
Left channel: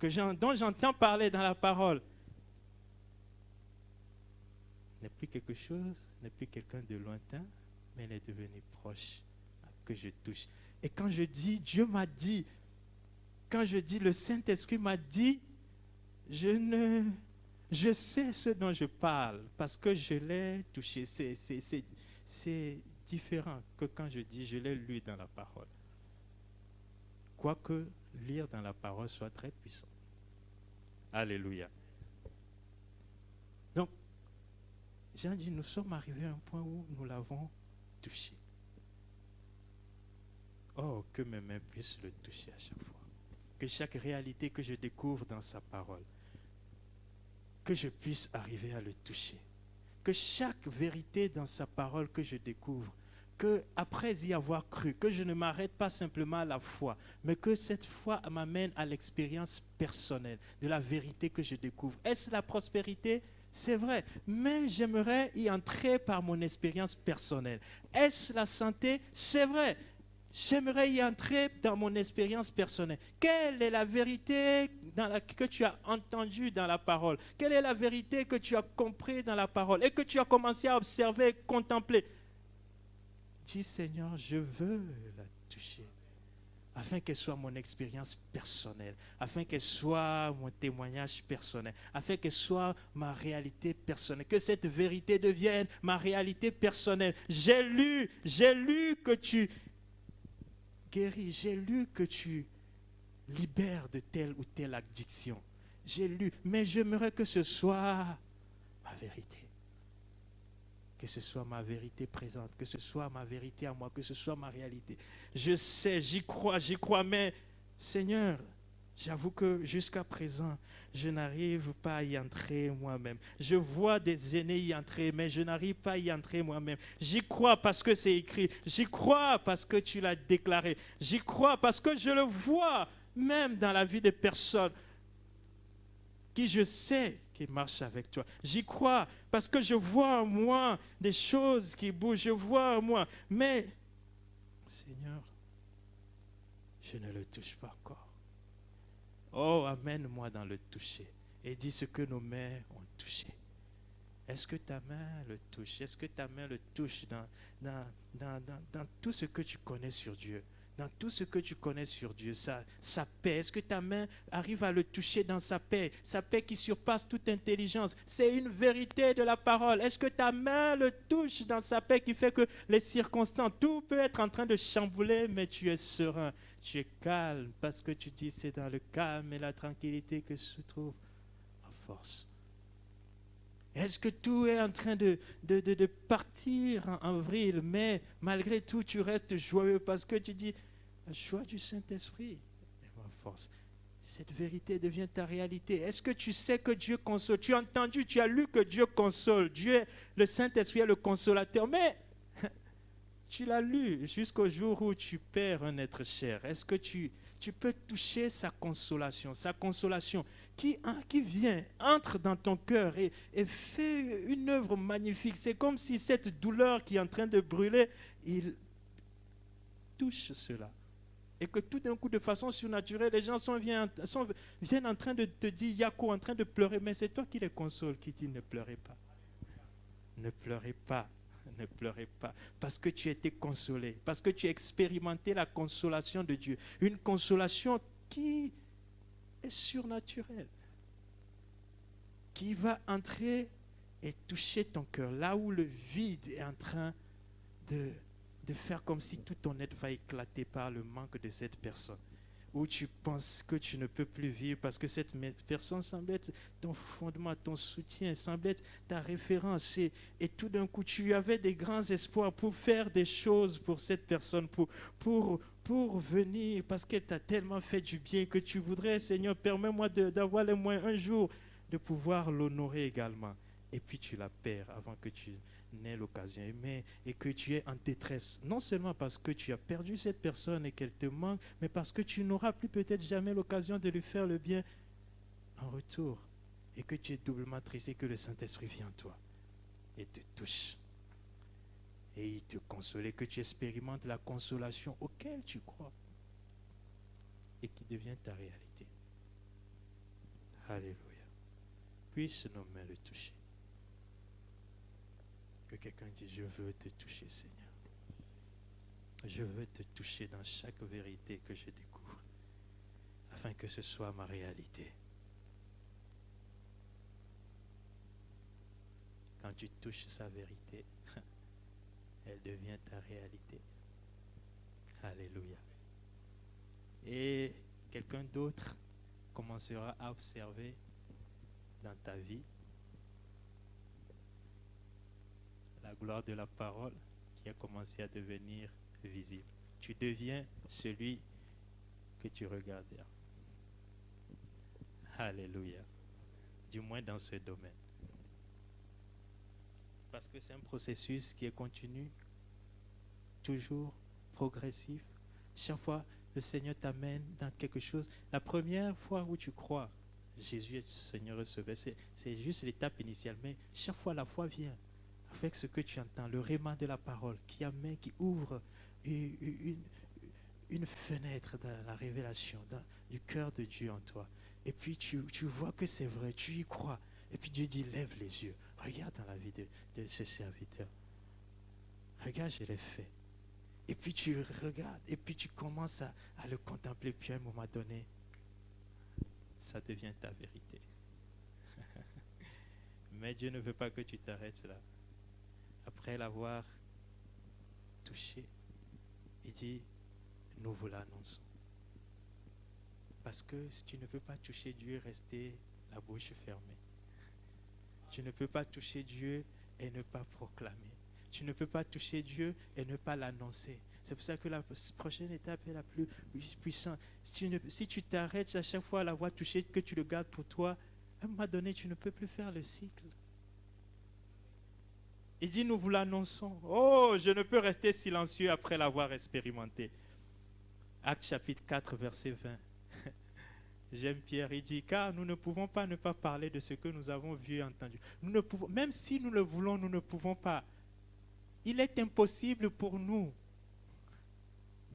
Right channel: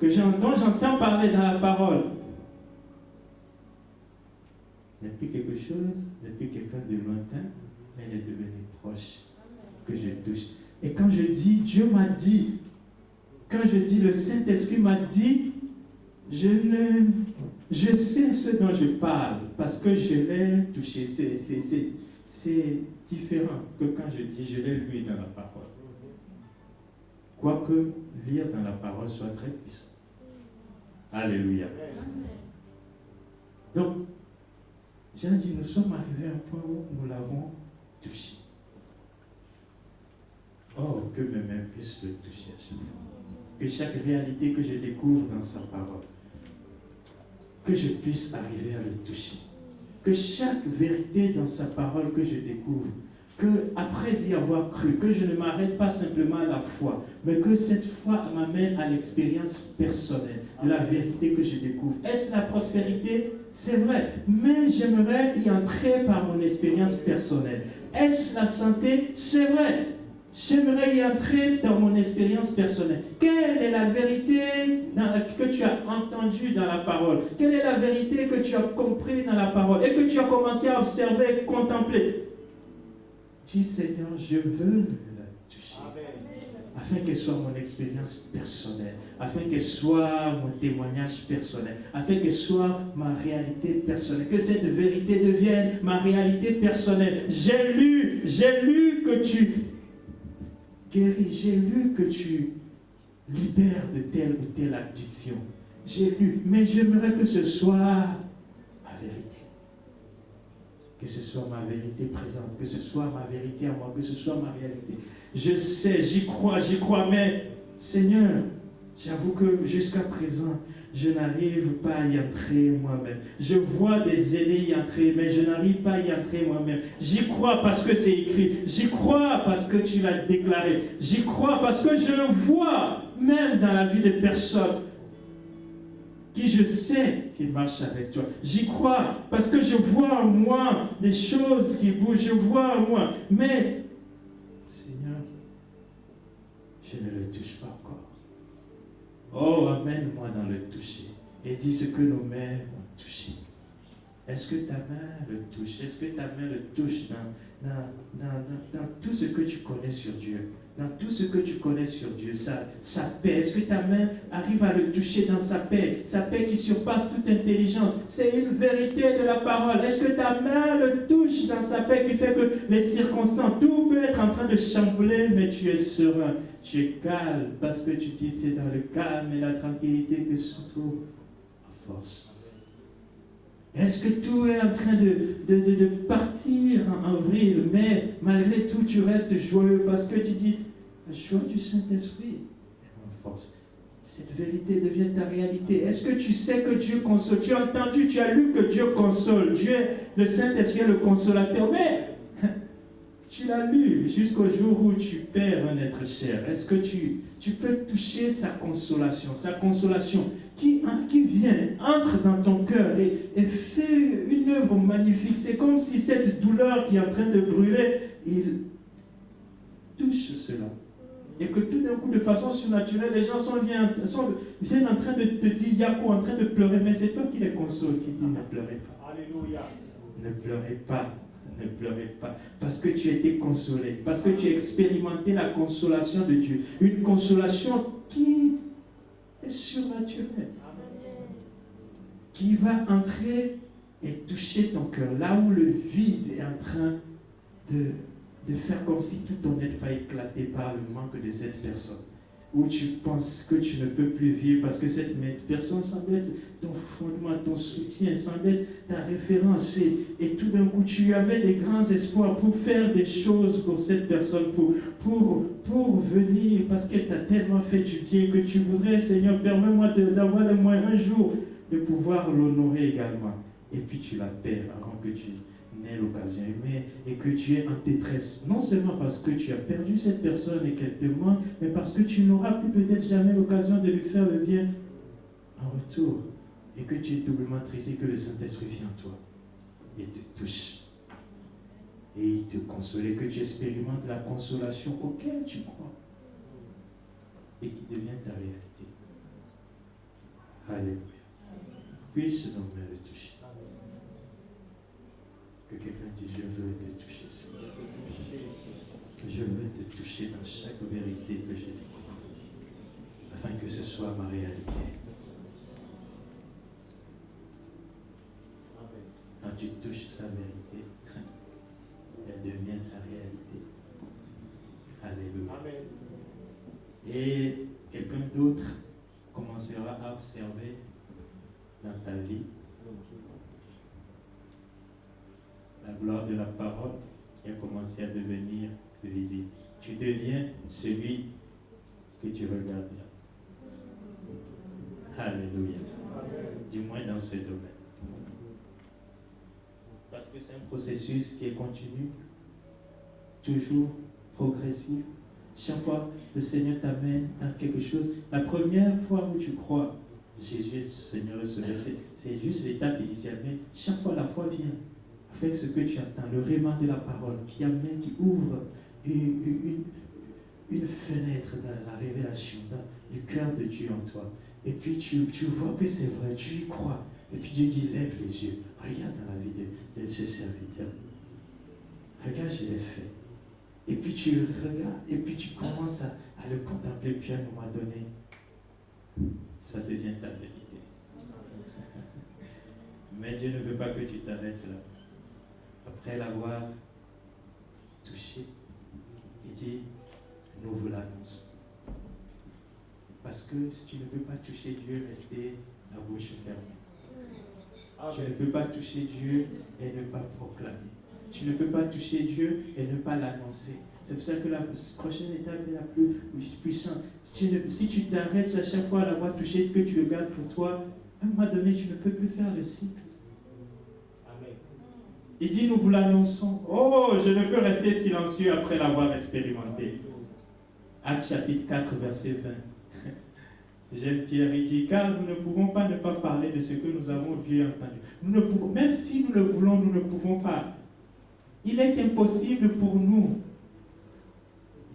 dont j'entends parler dans la parole n'est plus quelque chose, n'est plus quelqu'un de lointain, mais elle est devenue proche, que je touche. Et quand je dis, Dieu m'a dit, quand je dis le Saint-Esprit m'a dit, je sais ce dont je parle, parce que je l'ai touché. C'est différent que quand je dis, je l'ai lu dans la parole. Quoique lire dans la parole soit très puissant. Alléluia. Donc, j'ai dit, nous sommes arrivés à un point où nous l'avons touché. Oh, que mes mains puissent le toucher à chaque fois. Que chaque réalité que je découvre dans sa parole, que je puisse arriver à le toucher. Que chaque vérité dans sa parole que je découvre, que après y avoir cru, que je ne m'arrête pas simplement à la foi, mais que cette foi m'amène à l'expérience personnelle de la vérité que je découvre. Est-ce la prospérité? C'est vrai, mais j'aimerais y entrer par mon expérience personnelle. Est-ce la santé? C'est vrai, j'aimerais y entrer dans mon expérience personnelle. Quelle est la vérité que tu as entendue dans la parole? Quelle est la vérité que tu as compris dans la parole et que tu as commencé à observer, contempler? Dis, Seigneur, je veux la toucher, afin qu'elle soit mon expérience personnelle, afin qu'elle soit mon témoignage personnel, afin qu'elle soit ma réalité personnelle, que cette vérité devienne ma réalité personnelle. J'ai lu que tu guéris, j'ai lu que tu libères de telle ou telle addiction. J'ai lu, mais j'aimerais que ce soit ma vérité. Que ce soit ma vérité présente, que ce soit ma vérité à moi, que ce soit ma réalité. Je sais, j'y crois, mais Seigneur, j'avoue que jusqu'à présent, je n'arrive pas à y entrer moi-même. Je vois des aînés y entrer, mais je n'arrive pas à y entrer moi-même. J'y crois parce que c'est écrit. J'y crois parce que tu l'as déclaré. J'y crois parce que je le vois, même dans la vie des personnes. qui je sais qu'il marche avec toi. J'y crois parce que je vois en moi des choses qui bougent, je vois en moi. Mais, Seigneur, je ne le touche pas encore. Oh, amène-moi dans le toucher et dis ce que nos mains ont touché. Est-ce que ta main le touche? Est-ce que ta main le touche dans tout ce que tu connais sur Dieu? Dans tout ce que tu connais sur Dieu, sa paix. Est-ce que ta main arrive à le toucher dans sa paix qui surpasse toute intelligence? C'est une vérité de la parole. Est-ce que ta main le touche dans sa paix qui fait que les circonstances, tout peut être en train de chambouler, mais tu es serein, tu es calme, parce que tu dis c'est dans le calme et la tranquillité que se trouve la force. Est-ce que tout est en train de partir en avril, mais malgré tout, tu restes joyeux parce que tu dis, la joie du Saint-Esprit est ma force. Cette vérité devient ta réalité. Est-ce que tu sais que Dieu console? Tu as entendu, tu as lu que Dieu console. Dieu, le Saint-Esprit est le consolateur. Mais tu l'as lu jusqu'au jour où tu perds un être cher. Est-ce que tu peux toucher sa consolation qui vient, entre dans ton cœur et fait une œuvre magnifique. C'est comme si cette douleur qui est en train de brûler, il touche cela. Et que tout d'un coup, de façon surnaturelle, les gens viennent en train de te dire, Yako, en train de pleurer, mais c'est toi qui les console, qui dit, ne pleurez pas. Alléluia. Ne pleurez pas. Ne pleurez pas, parce que tu as été consolé, parce que tu as expérimenté la consolation de Dieu. Une consolation qui est surnaturelle, qui va entrer et toucher ton cœur, là où le vide est en train de faire comme si tout ton être va éclater par le manque de cette personne. Où tu penses que tu ne peux plus vivre parce que cette personne semble être ton fondement, ton soutien, semble être ta référence. Et tout d'un coup, tu avais des grands espoirs pour faire des choses pour cette personne, pour venir, parce qu'elle t'a tellement fait du bien que tu voudrais, Seigneur, permets-moi d'avoir les moyens un jour de pouvoir l'honorer également. Et puis tu la perds avant que tu n'aies l'occasion, et que tu es en détresse, non seulement parce que tu as perdu cette personne et qu'elle te manque, mais parce que tu n'auras plus peut-être jamais l'occasion de lui faire le bien en retour, et que tu es doublement triste et que le Saint-Esprit vient en toi et te touche et il te console, et que tu expérimentes la consolation auquel tu crois et qui devient ta réalité. Alléluia. Puisse nos mains le toucher. Que quelqu'un dise, je veux te toucher, Seigneur. Je veux te toucher dans chaque vérité que je découvre, afin que ce soit ma réalité. Quand tu touches sa vérité, elle devient ta réalité. Alléluia. Et quelqu'un d'autre commencera à observer dans ta vie la gloire de la parole qui a commencé à devenir visible. Tu deviens celui que tu regardes bien. Alléluia. Du moins dans ce domaine. Parce que c'est un processus qui est continu, toujours progressif. Chaque fois, le Seigneur t'amène dans quelque chose. La première fois où tu crois, Jésus est Seigneur et Sauveur, c'est juste l'étape initiale. Mais chaque fois, la foi vient avec ce que tu attends, le réma de la parole qui amène, qui ouvre une fenêtre dans la révélation, du cœur de Dieu en toi. Et puis tu vois que c'est vrai, tu y crois. Et puis Dieu dit, lève les yeux, regarde dans la vie de ce serviteur. Regarde, je l'ai fait. Et puis tu regardes, et puis tu commences à le contempler, puis à un moment donné, ça devient ta vérité. Mais Dieu ne veut pas que tu t'arrêtes là. Après l'avoir touché, il dit, nous vous l'annonçons. Parce que si tu ne peux pas toucher Dieu, rester la bouche fermée. Tu ne peux pas toucher Dieu et ne pas proclamer. Tu ne peux pas toucher Dieu et ne pas l'annoncer. C'est pour ça que la prochaine étape est la plus puissante. Si tu t'arrêtes à chaque fois à l'avoir touché, que tu le gardes pour toi, à un moment donné, tu ne peux plus faire le cycle. Amen. Il dit, nous vous l'annonçons. Oh, je ne peux rester silencieux après l'avoir expérimenté. Actes chapitre 4, verset 20. J'aime Pierre, il dit, car nous ne pouvons pas ne pas parler de ce que nous avons vu et entendu. Nous ne pouvons, même si nous le voulons, nous ne pouvons pas. Il est impossible pour nous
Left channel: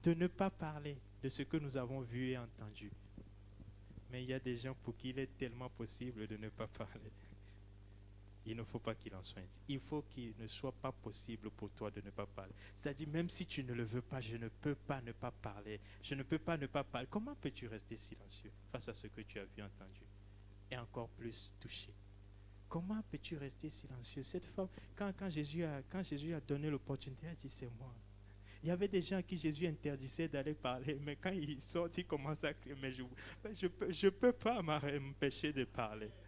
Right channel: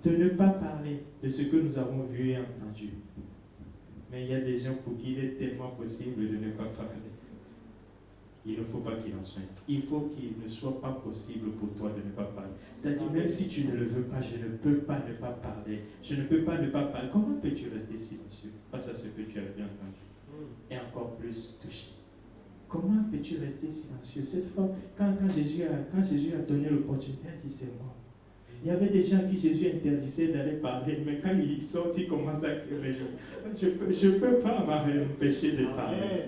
de ne pas parler de ce que nous avons vu et entendu. Mais il y a des gens pour qui il est tellement possible de ne pas parler. Il ne faut pas qu'il en soit ainsi. Il faut qu'il ne soit pas possible pour toi de ne pas parler. C'est-à-dire, même si tu ne le veux pas, je ne peux pas ne pas parler. Je ne peux pas ne pas parler. Comment peux-tu rester silencieux face à ce que tu as vu entendu? Et encore plus touché. Comment peux-tu rester silencieux? Cette fois, quand Jésus a donné l'opportunité, il a dit, c'est moi. Il y avait des gens à qui Jésus interdisait d'aller parler, mais quand ils sortent, ils commencent à crier, mais je ne peux pas m'empêcher de parler.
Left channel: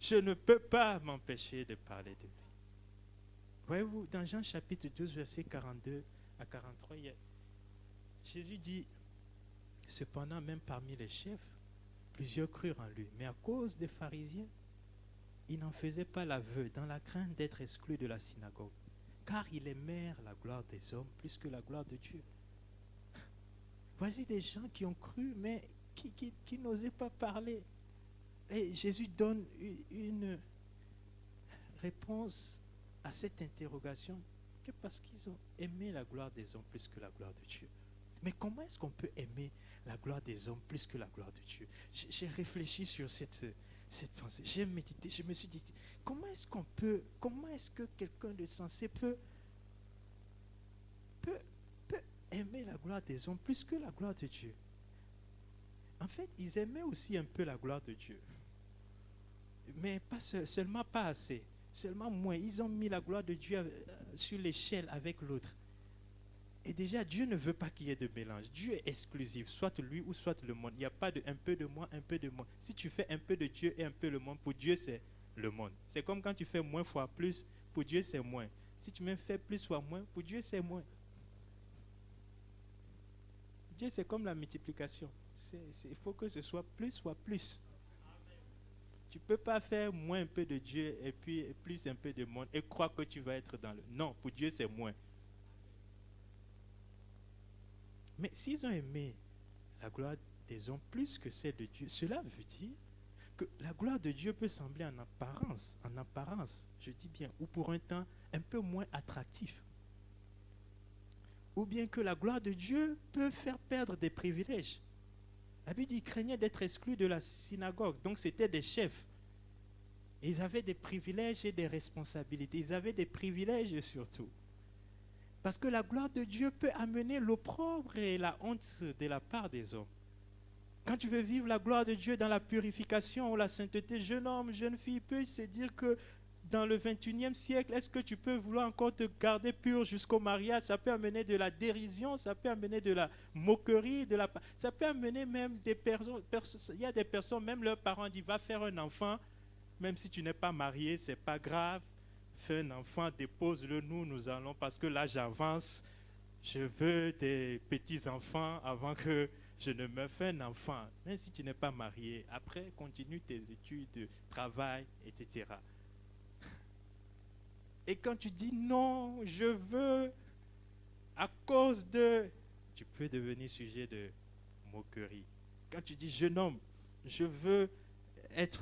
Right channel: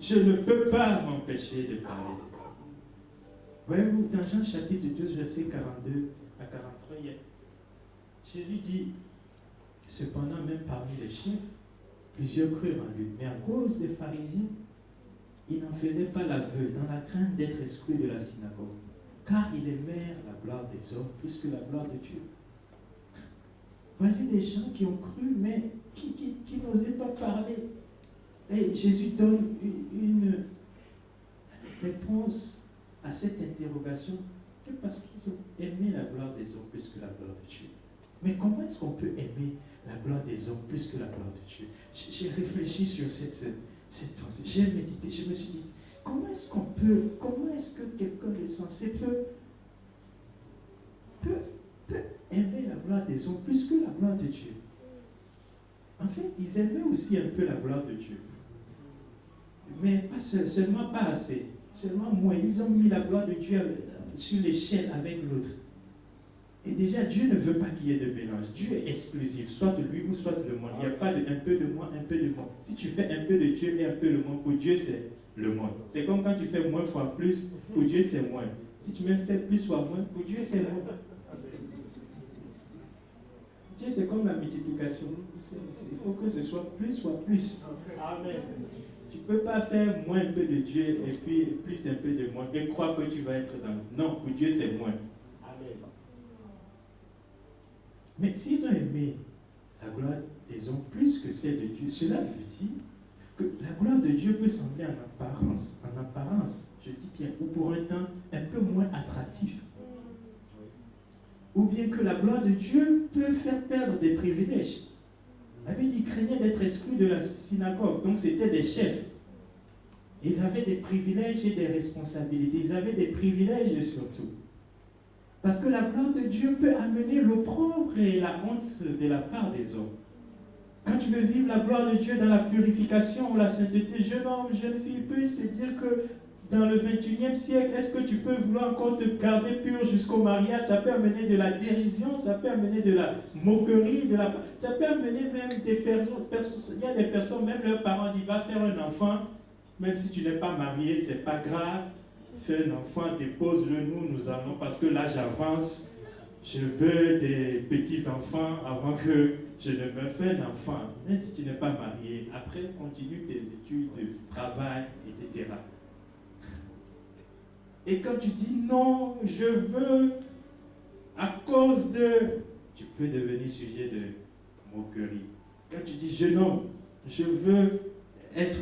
Je ne peux pas m'empêcher de parler. Voyez-vous, dans Jean chapitre 12, verset 42 à 43, Jésus dit, cependant, même parmi les chefs, plusieurs crurent en lui, mais à cause des pharisiens, ils n'en faisaient pas l'aveu, dans la crainte d'être exclus de la synagogue, car ils aimèrent la gloire des hommes plus que la gloire de Dieu. Voici des gens qui ont cru, mais qui n'osaient pas parler. Et Jésus donne une réponse à cette interrogation que parce qu'ils ont aimé la gloire des hommes plus que la gloire de Dieu. Mais comment est-ce qu'on peut aimer la gloire des hommes plus que la gloire de Dieu? J'ai réfléchi sur cette pensée, j'ai médité, je me suis dit, comment est-ce que quelqu'un de sensé peut aimer la gloire des hommes plus que la gloire de Dieu? En fait, ils aimaient aussi un peu la gloire de Dieu. Mais pas seulement pas assez, seulement moins. Ils ont mis la gloire de Dieu sur l'échelle avec l'autre. Et déjà, Dieu ne veut pas qu'il y ait de mélange. Dieu est exclusif, soit lui ou soit le monde. Il n'y a pas de un peu de moi, un peu de moi. Si tu fais un peu de Dieu et un peu de monde, pour Dieu, c'est le monde. C'est comme quand tu fais moins fois plus, pour Dieu, c'est moins. Si tu même fais plus fois moins, pour Dieu, c'est moins. Dieu, c'est comme la multiplication. Il faut que ce soit plus fois plus. Amen. Tu ne peux pas faire moins un peu de Dieu et puis plus un peu de monde et croire que tu vas être dans le... Non, pour Dieu, c'est moins. Amen. Mais s'ils ont aimé la gloire des hommes plus que celle de Dieu, cela veut dire que la gloire de Dieu peut sembler en apparence, je dis bien, ou pour un temps, un peu moins attractif. Ou bien que la gloire de Dieu peut faire perdre des privilèges. La Bible dit qu'ils craignaient d'être exclus de la synagogue. Donc c'était des chefs. Ils avaient des privilèges et des responsabilités. Ils avaient des privilèges surtout. Parce que la gloire de Dieu peut amener l'opprobre et la honte de la part des hommes. Quand tu veux vivre la gloire de Dieu dans la purification ou la sainteté, jeune homme, jeune fille, peut se dire que dans le 21e siècle, est-ce que tu peux vouloir encore te garder pur jusqu'au mariage? Ça peut amener de la dérision, ça peut amener de la moquerie, ça peut amener même des personnes. Il y a des personnes, même leurs parents disent, va faire un enfant, même si tu n'es pas marié, c'est pas grave. Fais un enfant, dépose-le, nous allons, parce que là j'avance. Je veux des petits-enfants avant que je ne me fasse un enfant. Même si tu n'es pas marié, après continue tes études, travail, etc. Et quand tu dis non, je veux, à cause de... Tu peux devenir sujet de moquerie. Quand tu dis jeune homme, je veux être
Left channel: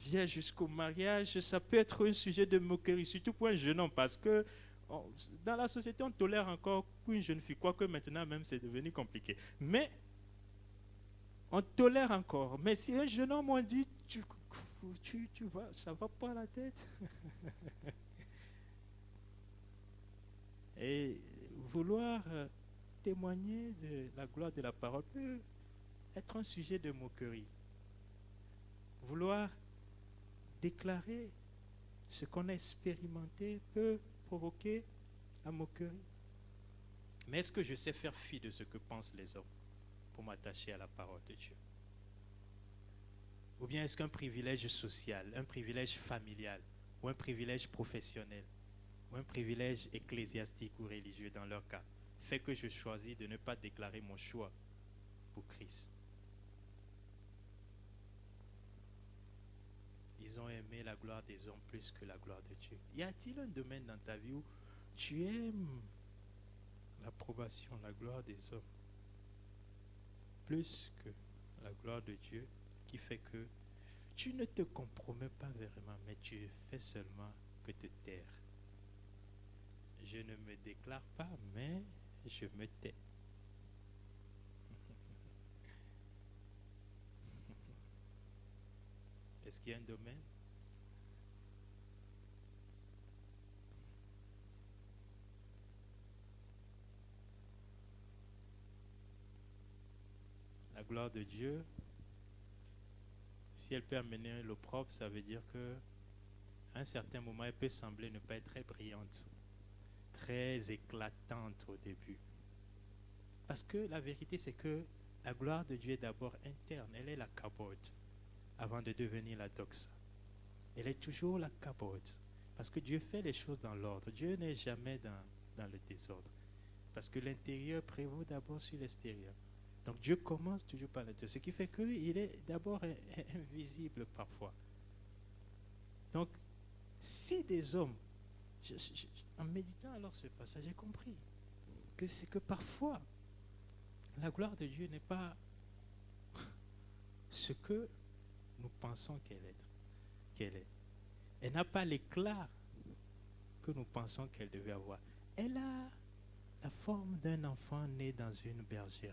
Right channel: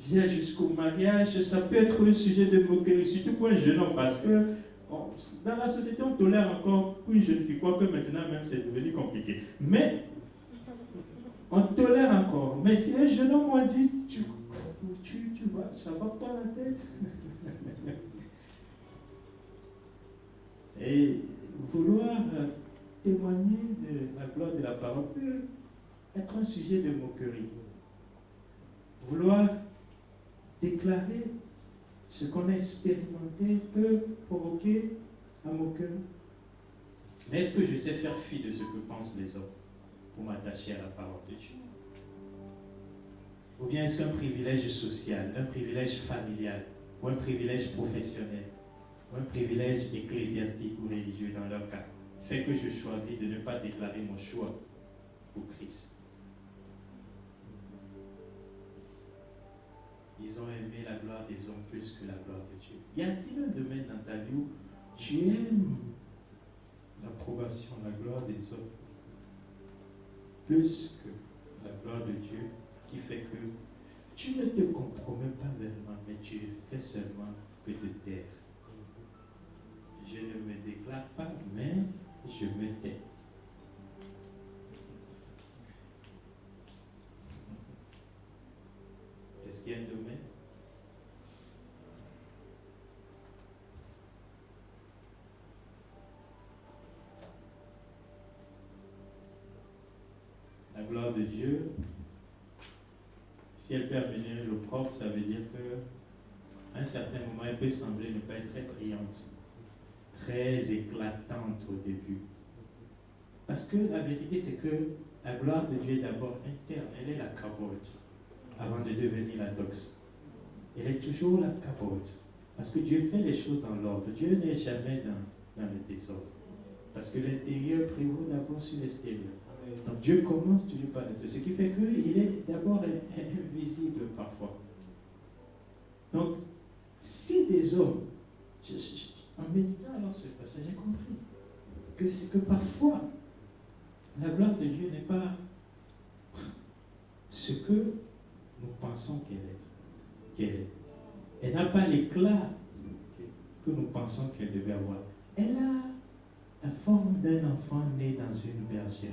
vierge jusqu'au mariage, ça peut être un sujet de moquerie, surtout pour un jeune homme, parce que dans la société, on tolère encore pour une jeune fille, quoique maintenant même c'est devenu compliqué. Mais on tolère encore. Mais si un jeune homme, on dit, tu vois, ça va pas la tête. Et vouloir témoigner de la gloire de la parole peut être un sujet de moquerie. Vouloir déclarer ce qu'on a expérimenté peut provoquer la moquerie. Mais est-ce que je sais faire fi de ce que pensent les hommes pour m'attacher à la parole de Dieu? Ou bien est-ce qu'un privilège social, un privilège familial, ou un privilège professionnel, ou un privilège ecclésiastique ou religieux dans leur cas, fait que je choisis de ne pas déclarer mon choix pour Christ? Ils ont aimé la gloire des hommes plus que la gloire de Dieu. Y a-t-il un domaine dans ta vie où tu aimes l'approbation, la gloire des hommes plus que la gloire gloire de Dieu qui fait que tu ne te compromets pas vraiment, mais tu fais seulement que te taire. Je ne me déclare pas, mais je me tais. Est-ce qu'il y a un domaine? La gloire de Dieu, si elle peut amener l'opprobre, ça veut dire qu'à un certain moment, elle peut sembler ne pas être très brillante, très éclatante au début. Parce que la vérité, c'est que la gloire de Dieu est d'abord interne. Elle est la capote avant de devenir la doxa. Elle est toujours la capote. Parce que Dieu fait les choses dans l'ordre. Dieu n'est jamais dans le désordre. Parce que l'intérieur prévaut d'abord sur l'extérieur. Donc Dieu commence toujours par l'intérieur. Ce qui fait qu'il est d'abord invisible parfois. Donc, si des hommes, en méditant alors ce passage, j'ai compris que c'est que parfois, la gloire de Dieu n'est pas ce que nous pensons qu'elle est. Elle n'a pas l'éclat que nous pensons qu'elle devait avoir. Elle a la forme d'un enfant né dans une bergerie.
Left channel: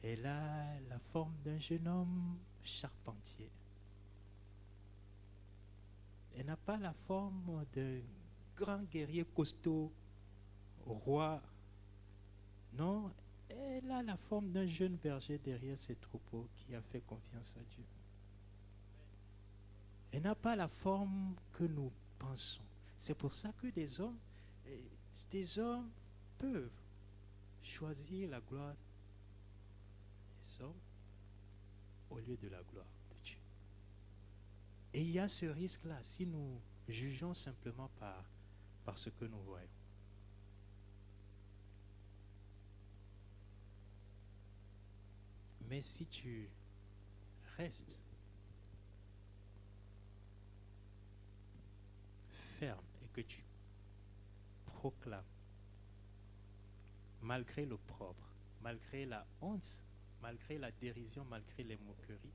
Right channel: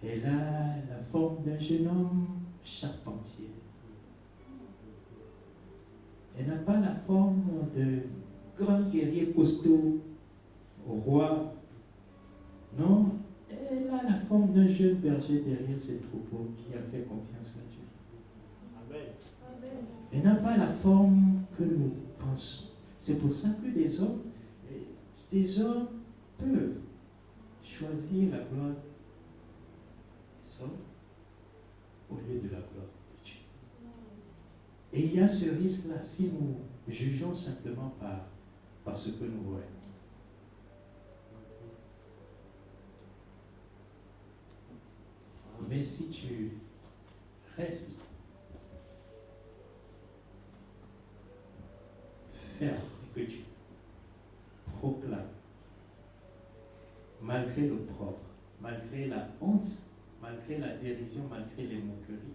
Elle a la forme d'un jeune homme charpentier. Elle n'a pas la forme de grand guerrier costaud, roi. Non, elle a la forme d'un jeune berger derrière ses troupeaux qui a fait confiance à Dieu. Amen. Elle n'a pas la forme que nous pensons. C'est pour ça que des hommes peuvent choisir la gloire des hommes au lieu de la gloire de Dieu. Et il y a ce risque-là si nous jugeons simplement par ce que nous voyons. Mais si tu restes ferme et que tu proclames, malgré l'opprobre, malgré la honte, malgré la dérision, malgré les moqueries,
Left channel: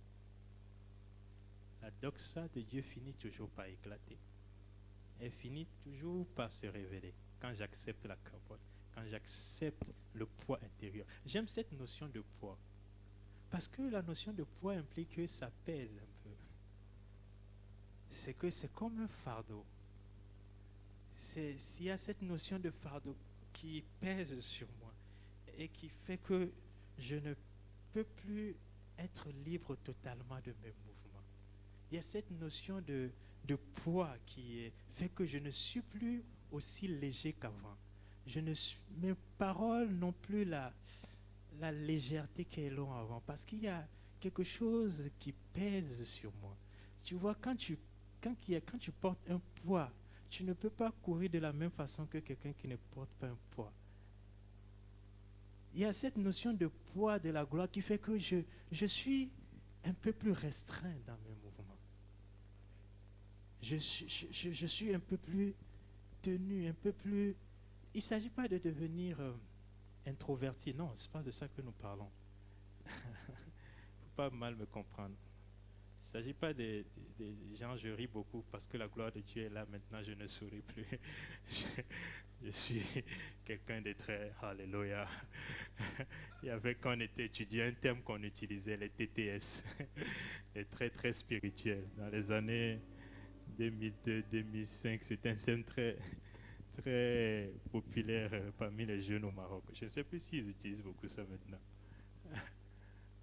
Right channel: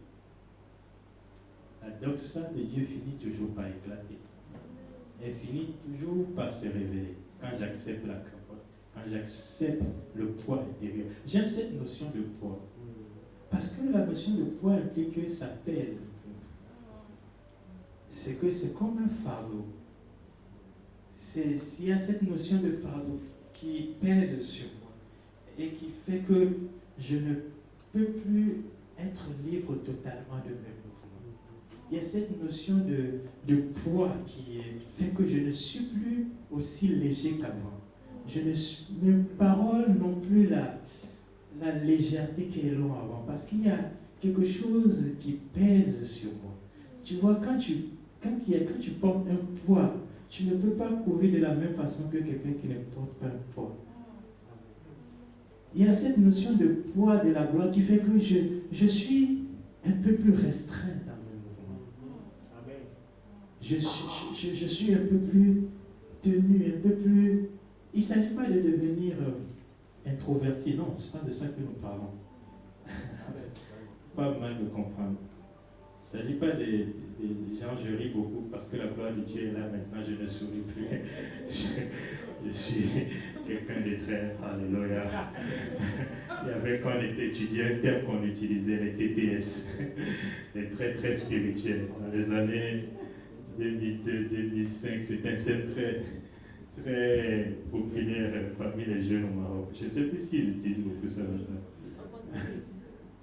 la doxa de Dieu finit toujours par éclater. Elle finit toujours par se révéler quand j'accepte la capote, quand j'accepte le poids intérieur. J'aime cette notion de poids. Parce que la notion de poids implique que ça pèse un peu. C'est que c'est comme un fardeau. S'il y a cette notion de fardeau qui pèse sur moi et qui fait que je ne peux plus être libre totalement de mes mouvements. Il y a cette notion de poids qui fait que je ne suis plus aussi léger qu'avant. Mes paroles n'ont plus la légèreté qu'elles ont avant, parce qu'il y a quelque chose qui pèse sur moi. Tu vois, quand tu portes un poids, tu ne peux pas courir de la même façon que quelqu'un qui ne porte pas un poids. Il y a cette notion de poids de la gloire qui fait que je suis un peu plus restreint dans mes mouvements. Je suis un peu plus tenu, un peu plus... Il ne s'agit pas de devenir introverti, non, ce n'est pas de ça que nous parlons. Pas mal me comprendre. Il ne s'agit pas des gens, je ris beaucoup parce que la gloire de Dieu est là maintenant, je ne souris plus. Je suis quelqu'un de très, alléluia. Il y avait, quand on était étudiant, un terme qu'on utilisait, les TTS, les très très spirituels. Dans les années 2002-2005, c'était un terme très très populaire parmi les jeunes au Maroc. Je ne sais plus s'ils utilisent beaucoup ça maintenant.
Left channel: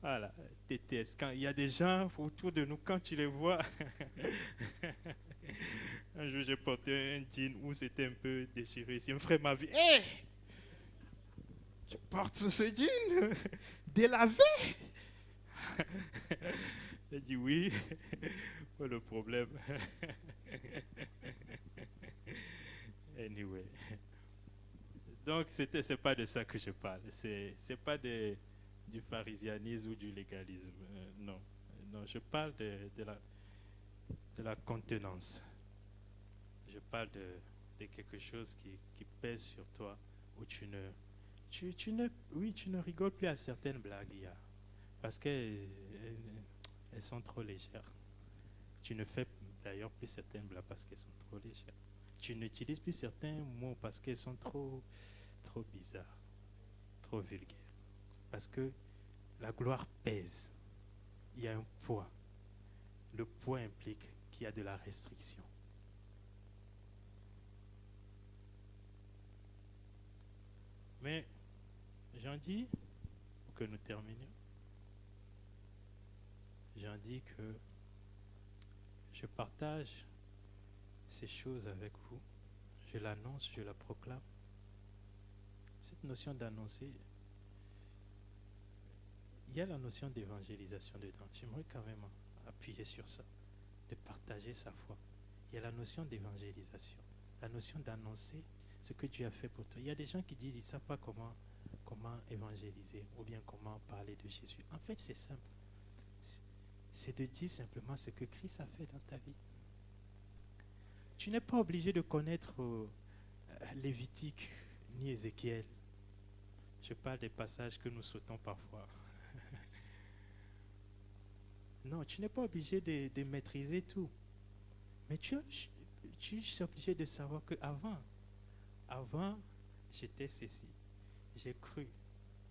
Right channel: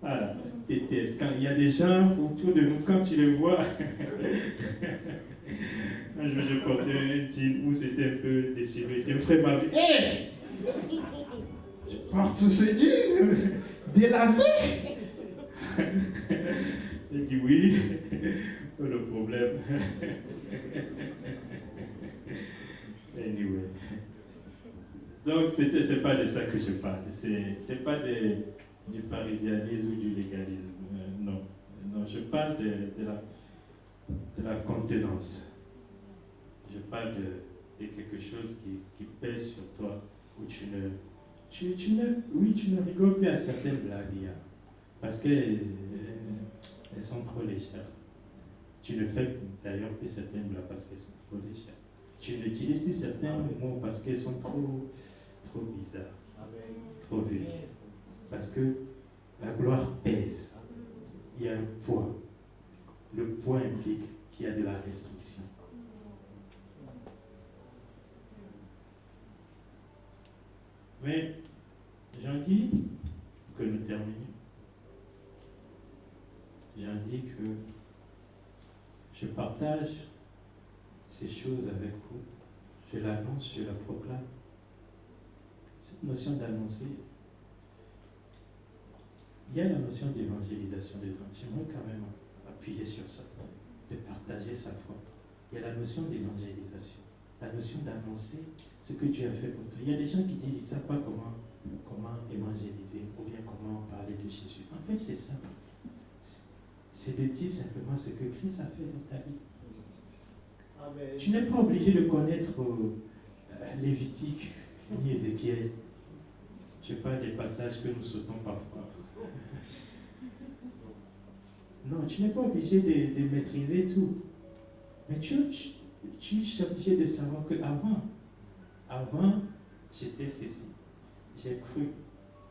Voilà, TTS. Quand il y a des gens autour de nous, quand tu les vois, un jour j'ai porté un jean où c'était un peu déchiré. C'est un frère m'a vu. Hé! Je porte ce jean délavé. J'ai dit oui, pas de problème. Anyway. Donc, c'est pas de ça que je parle. C'est pas du pharisianisme ou du légalisme. Non. Non, je parle de la contenance. Je parle de quelque chose qui pèse sur toi, où tu oui, tu ne rigoles plus à certaines blagues, parce qu'elles sont trop légères. Tu ne fais d'ailleurs plus certaines blagues parce qu'elles sont trop légères. Tu n'utilises plus certains mots parce qu'elles sont trop bizarres, trop vulgaires. Parce que la gloire pèse. Il y a un poids. Le poids implique qu'il y a de la restriction. Mais j'en dis, pour que nous terminions, j'en dis que je partage ces choses avec vous. Je l'annonce, je la proclame. Cette notion d'annoncer, il y a la notion d'évangélisation dedans. J'aimerais quand même appuyer sur ça, de partager sa foi. Il y a la notion d'évangélisation, la notion d'annoncer ce que Dieu a fait pour toi. Il y a des gens qui disent qu'ils ne savent pas comment évangéliser ou bien comment parler de Jésus. En fait, c'est simple. C'est de dire simplement ce que Christ a fait dans ta vie. Amen. Tu n'es pas obligé de connaître Lévitique ni Ézéchiel. Je parle des passages que nous sautons parfois. Non, tu n'es pas obligé de maîtriser tout. Mais tu es obligé de savoir qu'avant, j'étais ceci. J'ai cru.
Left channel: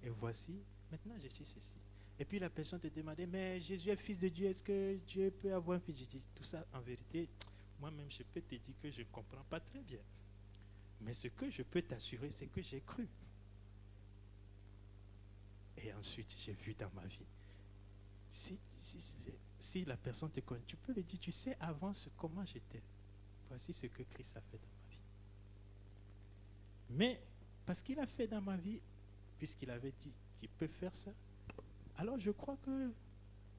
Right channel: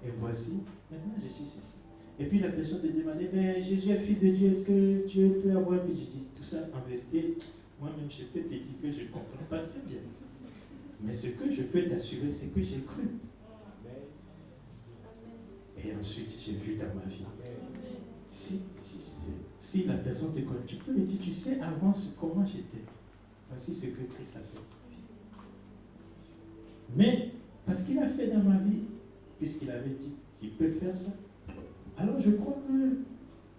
Et voici, maintenant je suis ceci. Et puis la personne te demandait, mais Jésus est fils de Dieu, est-ce que Dieu peut avoir vie? Je dis, tout ça, en vérité, moi-même, je peux te dire que je ne comprends pas très bien. Mais ce que je peux t'assurer, c'est que j'ai cru. Et ensuite, j'ai vu dans ma vie. Si la personne te connaît, tu peux lui dire, tu sais avant comment j'étais. Voici ce que Christ a fait dans ma vie. Mais, parce qu'il a fait dans ma vie, puisqu'il avait dit qu'il peut faire ça, alors je crois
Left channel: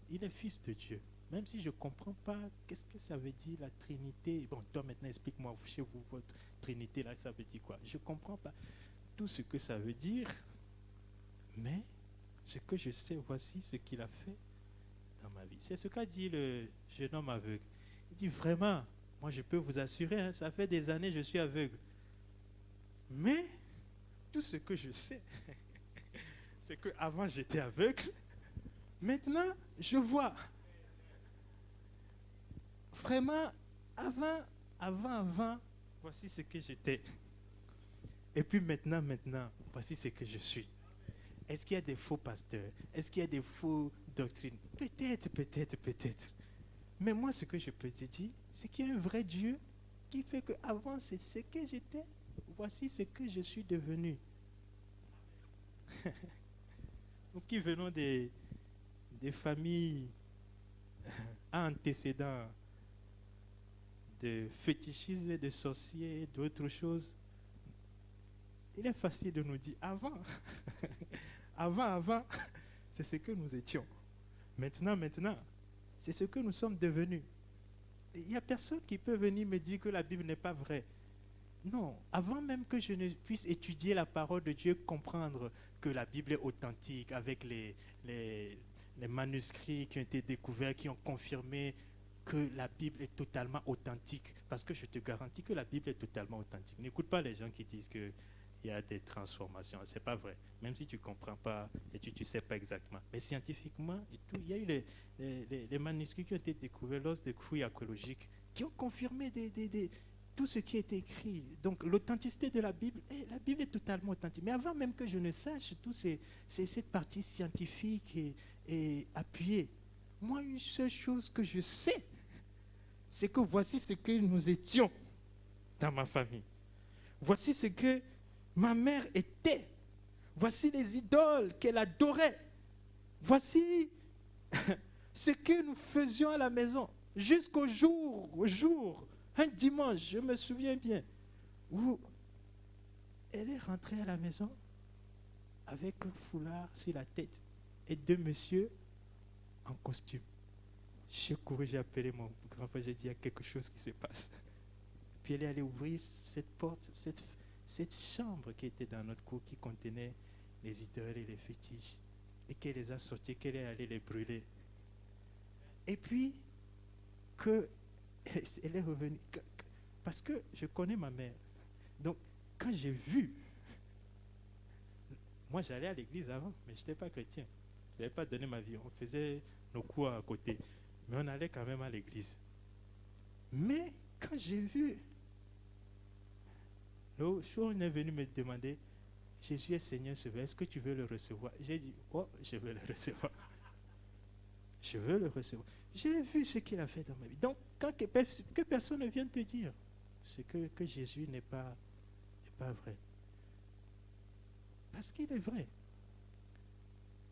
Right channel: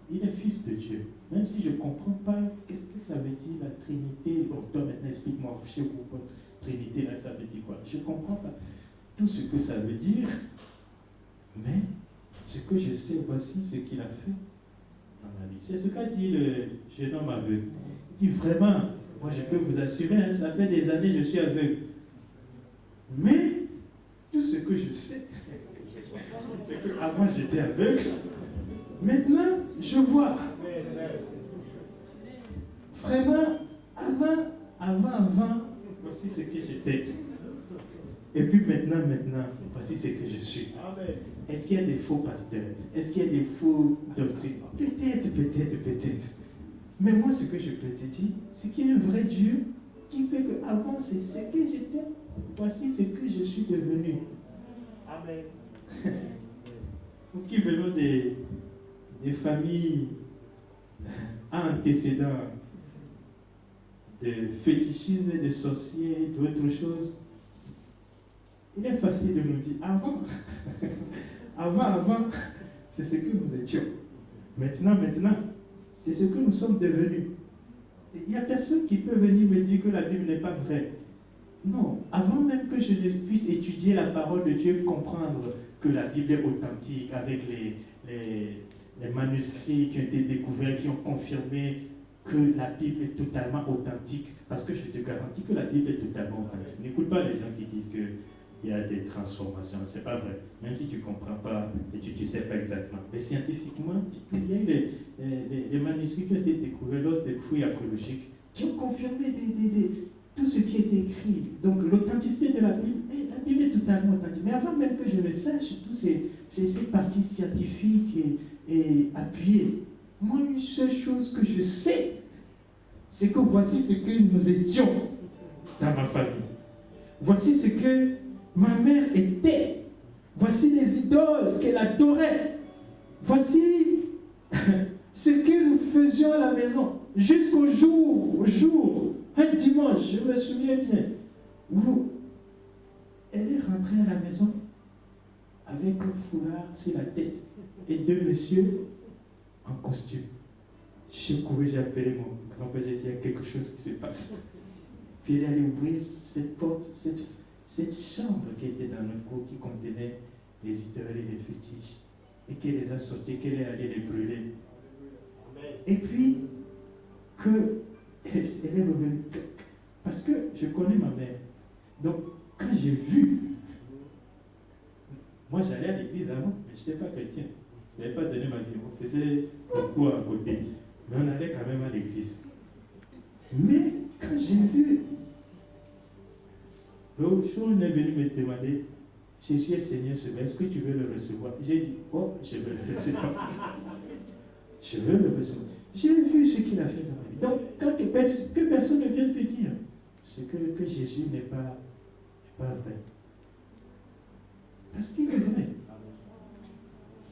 qu'il est fils de Dieu. Même si je ne comprends pas qu'est-ce que ça veut dire la Trinité. Bon, toi maintenant explique-moi chez vous votre Trinité, là ça veut dire quoi? Je ne comprends pas tout ce que ça veut dire. Mais ce que je sais, voici ce qu'il a fait dans ma vie. C'est ce qu'a dit le jeune homme aveugle. Il dit vraiment, moi je peux vous assurer, ça fait des années que je suis aveugle. Mais tout ce que je sais, c'est qu'avant j'étais aveugle. Maintenant, je vois. Vraiment, avant, voici ce que j'étais. Et puis maintenant, voici ce que je suis. Est-ce qu'il y a des faux pasteurs? Est-ce qu'il y a des faux doctrines? Peut-être. Mais moi, ce que je peux te dire, c'est qu'il y a un vrai Dieu qui fait qu'avant, c'est ce que j'étais. Voici ce que je suis devenu. Amen. Nous qui venons des familles à antécédents de fétichisme, de sorciers, d'autres choses, il est facile de nous dire avant, c'est ce que nous étions. Maintenant, c'est ce que nous sommes devenus. Il n'y a personne qui peut venir me dire que la Bible n'est pas vraie. Non, avant même que je puisse étudier la parole de Dieu, comprendre que la Bible est authentique, avec les manuscrits qui ont été découverts, qui ont confirmé que la Bible est totalement authentique, parce que je te garantis que la Bible est totalement authentique. N'écoute pas les gens qui disent qu'il y a des transformations, c'est pas vrai. Même si tu ne comprends pas et tu ne sais pas exactement. Mais scientifiquement, il y a eu les manuscrits qui ont été découverts lors des fouilles archéologiques, qui ont confirmé tout ce qui est écrit. Donc l'authenticité de la Bible est totalement authentique. Mais avant même que je ne sache toutes ces parties scientifiques et appuyées, moi, une seule chose que je sais, c'est que voici ce que nous étions dans ma famille. Voici ce que ma mère était. Voici les idoles qu'elle adorait. Voici ce que nous faisions à la maison. Jusqu'au jour, un dimanche, je me souviens bien, où elle est rentrée à la maison avec un foulard sur la tête et deux messieurs en costume. J'ai couru, j'ai appelé mon grand-père, j'ai dit, il y a quelque chose qui se passe. Puis elle est allée ouvrir cette porte, cette chambre qui était dans notre cour, qui contenait les idoles et les fétiches, et qu'elle les a sortis, qu'elle est allée les brûler. Et puis, elle est revenue, parce que je connais ma mère. Donc, quand j'ai vu Moi, j'allais à l'église avant, mais je n'étais pas chrétien. Je n'avais pas donné ma vie. On faisait le cours à côté. Mais on allait quand même à l'église. Mais quand j'ai vu, le jour où on est venu me demander, Jésus est Seigneur, est-ce que tu veux le recevoir? J'ai dit, oh, je veux le recevoir. Je veux le recevoir. J'ai vu ce qu'il a fait dans ma vie. Donc, quand que personne ne vienne te dire que Jésus n'est pas vrai. Parce qu'il est vrai.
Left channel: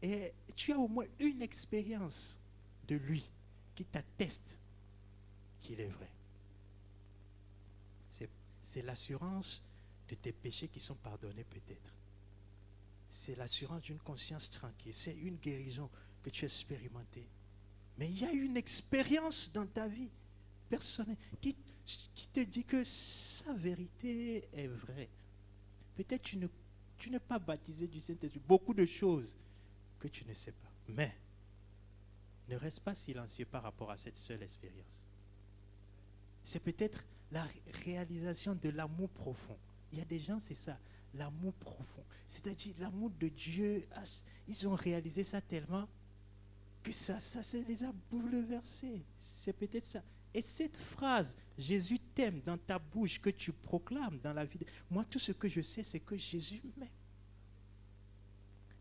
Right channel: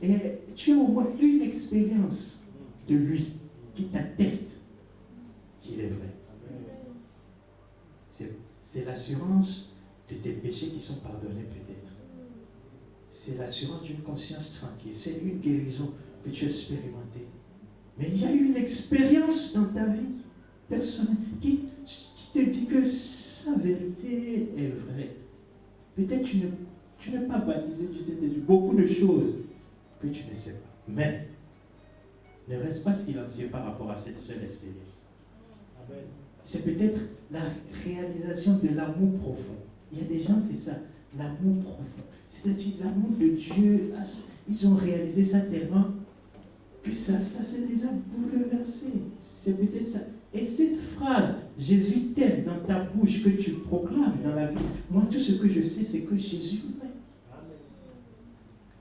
Et tu as au moins une expérience de lui qui t'atteste qu'il est vrai. C'est l'assurance de tes péchés qui sont pardonnés peut-être. C'est l'assurance d'une conscience tranquille. C'est une guérison que tu as expérimentée. Mais il y a une expérience dans ta vie personnelle qui te dit que sa vérité est vraie. Peut-être tu n'es pas baptisé du Saint-Esprit. Beaucoup de choses que tu ne sais pas. Mais ne reste pas silencieux par rapport à cette seule expérience. C'est peut-être la réalisation de l'amour profond. Il y a des gens, c'est ça, l'amour profond. C'est-à-dire l'amour de Dieu. Ils ont réalisé ça tellement que ça les a bouleversés. C'est peut-être ça. Et cette phrase, Jésus t'aime dans ta bouche, que tu proclames dans la vie. Moi, tout ce que je sais, c'est que Jésus m'aime.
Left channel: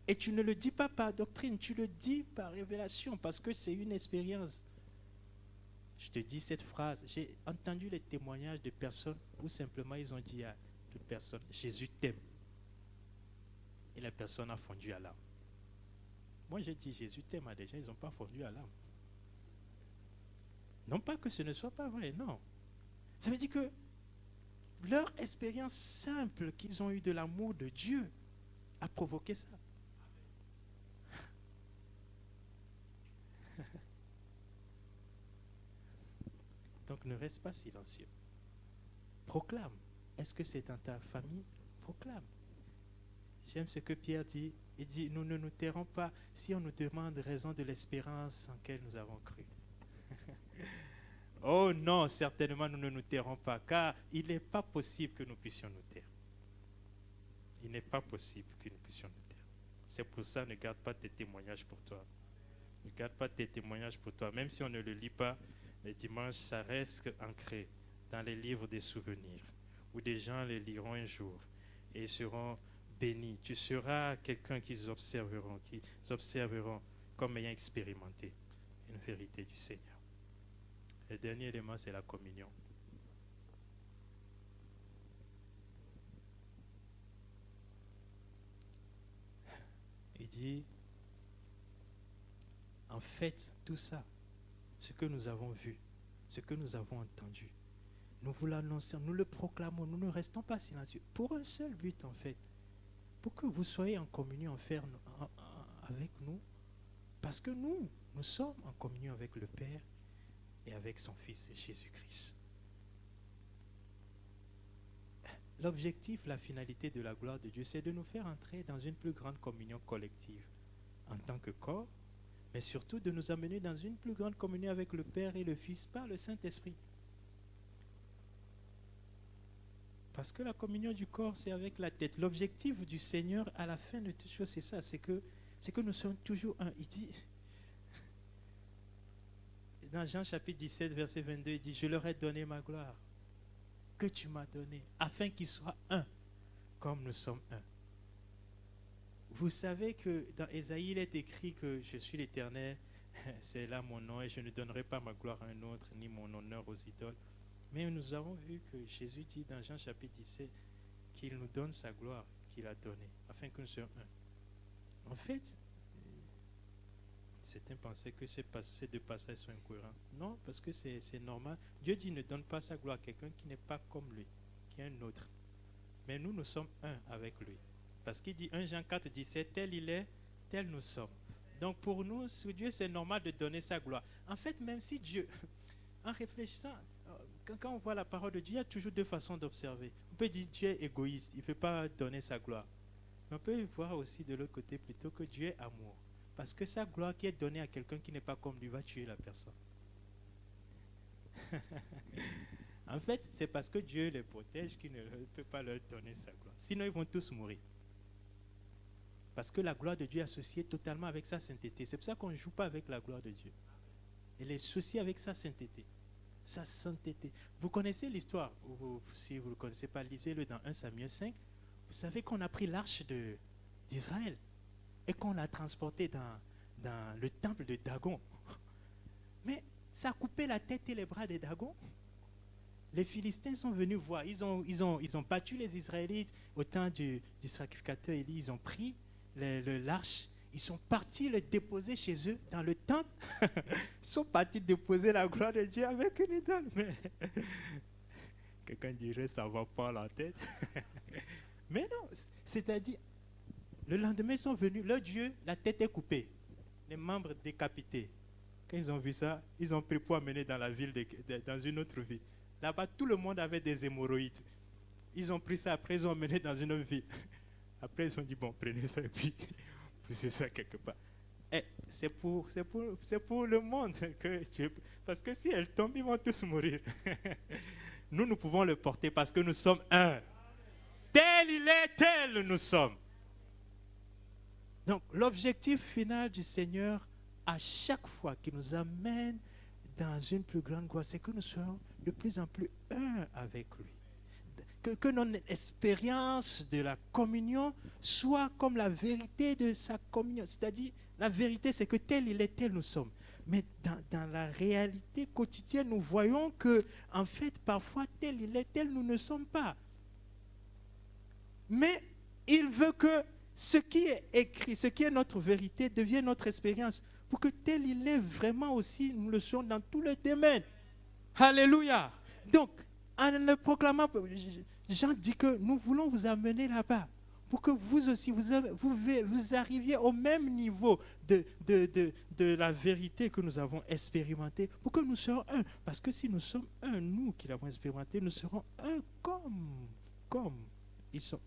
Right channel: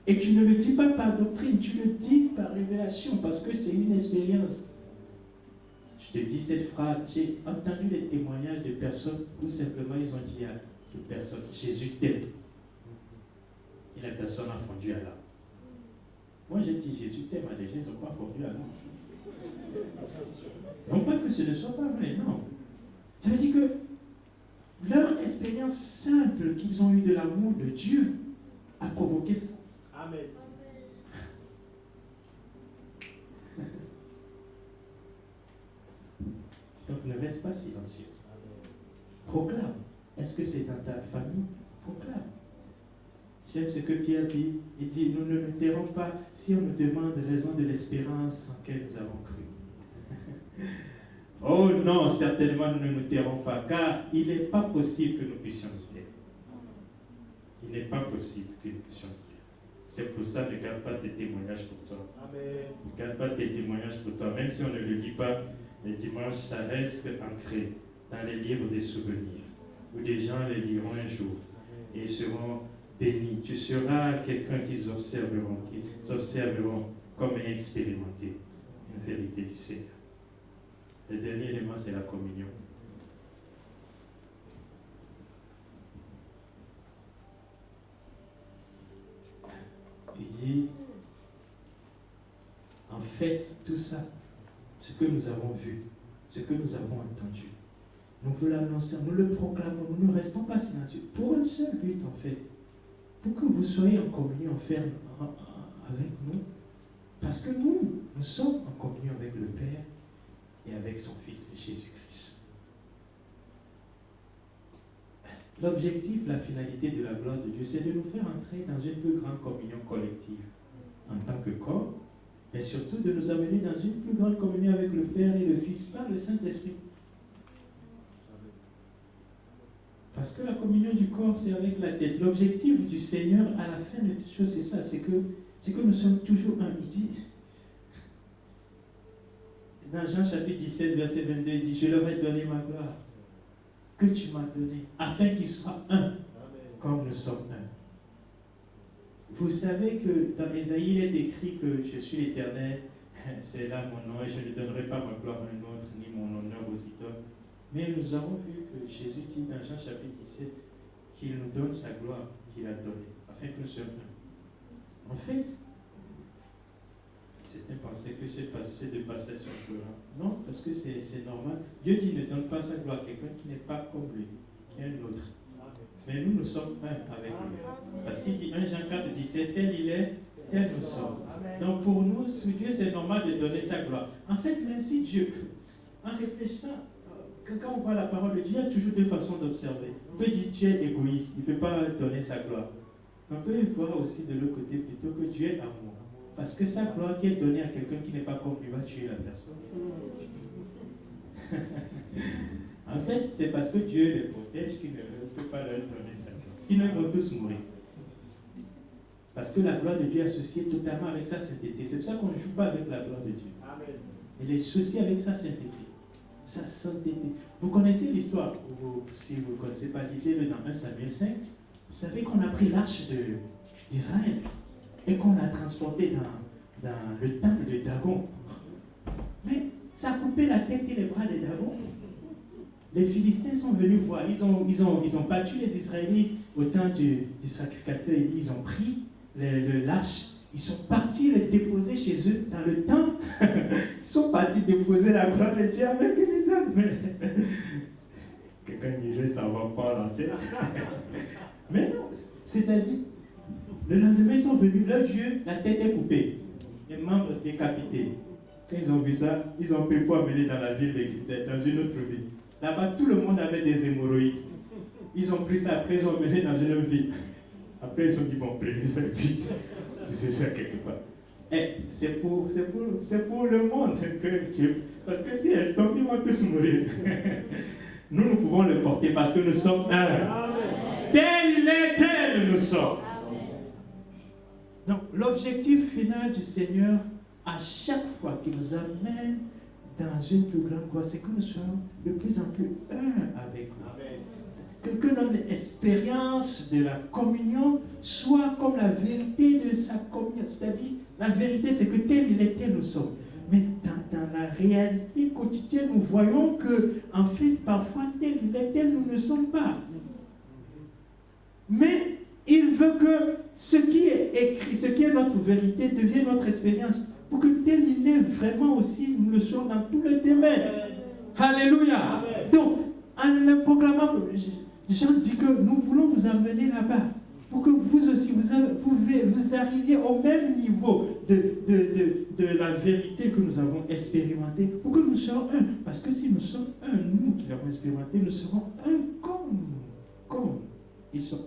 Et tu ne le dis pas par doctrine, tu le dis par révélation, parce que c'est une expérience. Je te dis cette phrase, j'ai entendu les témoignages de personnes où simplement ils ont dit à de personnes, Jésus t'aime. Et la personne a fondu à l'âme. Moi j'ai dit, Jésus t'aime à des gens, ils n'ont pas fondu à l'âme. Non pas que ce ne soit pas vrai, non. Ça veut dire que leur expérience simple qu'ils ont eue de l'amour de Dieu a provoqué ça. Amen. Donc ne reste pas silencieux. Proclame. Est-ce que c'est dans ta famille? Proclame. J'aime ce que Pierre dit. Il dit, nous ne nous tairons pas si on nous demande raison de l'espérance en laquelle nous avons cru. Oh non, certainement nous ne nous tairons pas, car il n'est pas possible que nous puissions nous taire. Il n'est pas possible que nous puissions nous taire. C'est pour ça, ne garde pas tes témoignages pour toi. Amen. Ne garde pas tes témoignages pour toi. Même si on ne le lit pas, les dimanches, ça reste ancré dans les livres des souvenirs, où des gens les liront un jour et ils seront bénis. Tu seras quelqu'un qu'ils observeront comme ayant expérimenté une vérité du Seigneur. Le dernier élément, c'est la communion. Il dit, en fait, tout ça, ce que nous avons vu, ce que nous avons entendu, nous vous l'annonçons, nous le proclamons, nous ne restons pas silencieux. Pour un seul but, en fait, pour que vous soyez en communion ferme avec nous, parce que nous sommes en communion avec le Père et avec son Fils Jésus-Christ. L'objectif, la finalité de la gloire de Dieu, c'est de nous faire entrer dans une plus grande communion collective en tant que corps, mais surtout de nous amener dans une plus grande communion avec le Père et le Fils par le Saint-Esprit. Parce que la communion du corps, c'est avec la tête. L'objectif du Seigneur à la fin de toute chose, c'est ça, c'est que nous sommes toujours un. Il dit, dans Jean chapitre 17, verset 22, il dit, je leur ai donné ma gloire que tu m'as donnée, afin qu'ils soient un, comme nous sommes un. Vous savez que dans Ésaïe, il est écrit que je suis l'Éternel, c'est là mon nom, et je ne donnerai pas ma gloire à un autre, ni mon honneur aux idoles. Mais nous avons vu que Jésus dit dans Jean chapitre 17 qu'il nous donne sa gloire qu'il a donnée, afin que nous soyons un. En fait, certains pensaient que ces deux passages sont cohérents. Non, parce que c'est normal. Dieu dit ne donne pas sa gloire à quelqu'un qui n'est pas comme lui, qui est un autre. Mais nous sommes un avec lui. Parce qu'il dit 1 Jean 4, 17, tel il est, tel nous sommes. Donc pour nous, sous Dieu, c'est normal de donner sa gloire. En fait, même si Dieu, en réfléchissant, quand on voit la parole de Dieu, il y a toujours deux façons d'observer. On peut dire Dieu est égoïste, il ne peut pas donner sa gloire. On peut voir aussi de l'autre côté plutôt que Dieu est amour. Parce que sa gloire qui est donnée à quelqu'un qui n'est pas comme lui va tuer la personne. En fait, c'est parce que Dieu les protège qu'il ne peut pas leur donner sa gloire. Sinon, ils vont tous mourir. Parce que la gloire de Dieu est associée totalement avec sa sainteté. C'est pour ça qu'on ne joue pas avec la gloire de Dieu. Amen. Elle est associée avec sa sainteté. Sa sainteté. Vous connaissez l'histoire, si vous ne connaissez pas, lisez-le dans 1 Samuel 5. Vous savez qu'on a pris l'arche d'Israël et qu'on l'a transportée dans le temple de Dagon. Mais ça a coupé la tête et les bras de Dagon. Les Philistins sont venus voir. Ils ont battu les Israélites au temps du sacrificateur Élie. Ils ont pris l'arche. Ils sont partis le déposer chez eux dans le temple. Ils sont partis déposer la gloire de Dieu avec une idole. Quelqu'un dirait ça ne va pas à la tête. Mais non, c'est-à-dire, le lendemain ils sont venus, leur Dieu, la tête est coupée, les membres décapités. Quand ils ont vu ça, ils ont pris pour amener dans la ville, dans une autre ville. Là-bas, tout le monde avait des hémorroïdes. Ils ont pris ça, après ils ont amené dans une autre ville. Après ils ont dit, bon, prenez ça et puis, c'est ça quelque part. Et c'est pour le monde que Dieu... Parce que si elle tombe, ils vont tous mourir. Nous pouvons le porter parce que nous sommes un. Tel il est, tel nous sommes. Donc, l'objectif final du Seigneur, à chaque fois qu'il nous amène dans une plus grande gloire, c'est que nous soyons de plus en plus un avec lui. Que notre expérience de la communion soit comme la vérité de sa communion. C'est-à-dire, la vérité, c'est que tel il est, tel nous sommes. Mais dans la réalité quotidienne, nous voyons que, en fait, parfois, tel il est, tel nous ne sommes pas. Mais il veut que ce qui est écrit, ce qui est notre vérité, devienne notre expérience. Pour que tel il est vraiment aussi, nous le soyons dans tous les domaines. Alléluia. Amen. Donc, en le proclamant, Jean dit que nous voulons vous amener là-bas. Pour que vous aussi, vous arriviez au même niveau de la vérité que nous avons expérimentée. Pour que nous soyons un. Parce que si nous sommes un, nous qui l'avons expérimenté, nous serons un comme ils sont,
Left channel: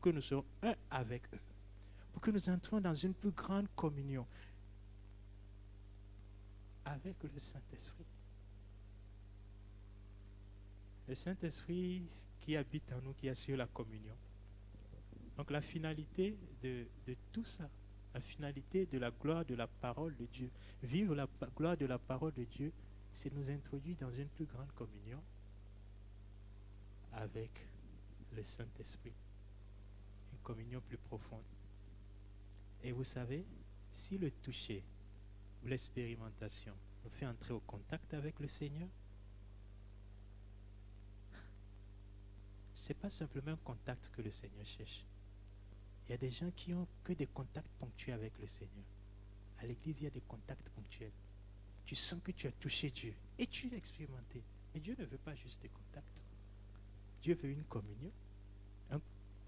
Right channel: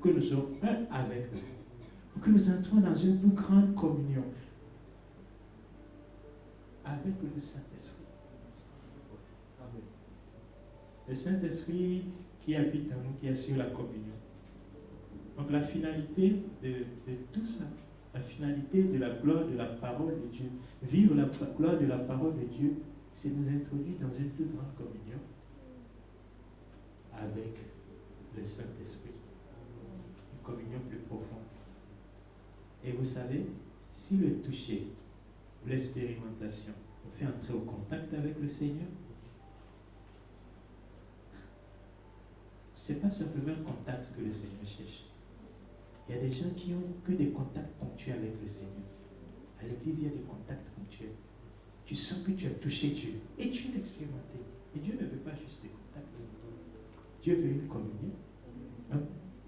que nous serons un avec eux. Pour que nous entrions dans une plus grande communion avec le Saint-Esprit. Le Saint-Esprit qui habite en nous, qui assure la communion. Donc la finalité de tout ça, la finalité de la gloire de la parole de Dieu, vivre la gloire de la parole de Dieu, c'est nous introduire dans une plus grande communion avec le Saint-Esprit. Une communion plus profonde. Et vous savez, si le toucher ou l'expérimentation nous fait entrer au contact avec le Seigneur, ce n'est pas simplement un contact que le Seigneur cherche. Il y a des gens qui n'ont que des contacts ponctuels avec le Seigneur. À l'église, il y a des contacts ponctuels. Tu sens que tu as touché Dieu et tu l'as expérimenté. Mais Dieu ne veut pas juste des contacts. Dieu veut une communion.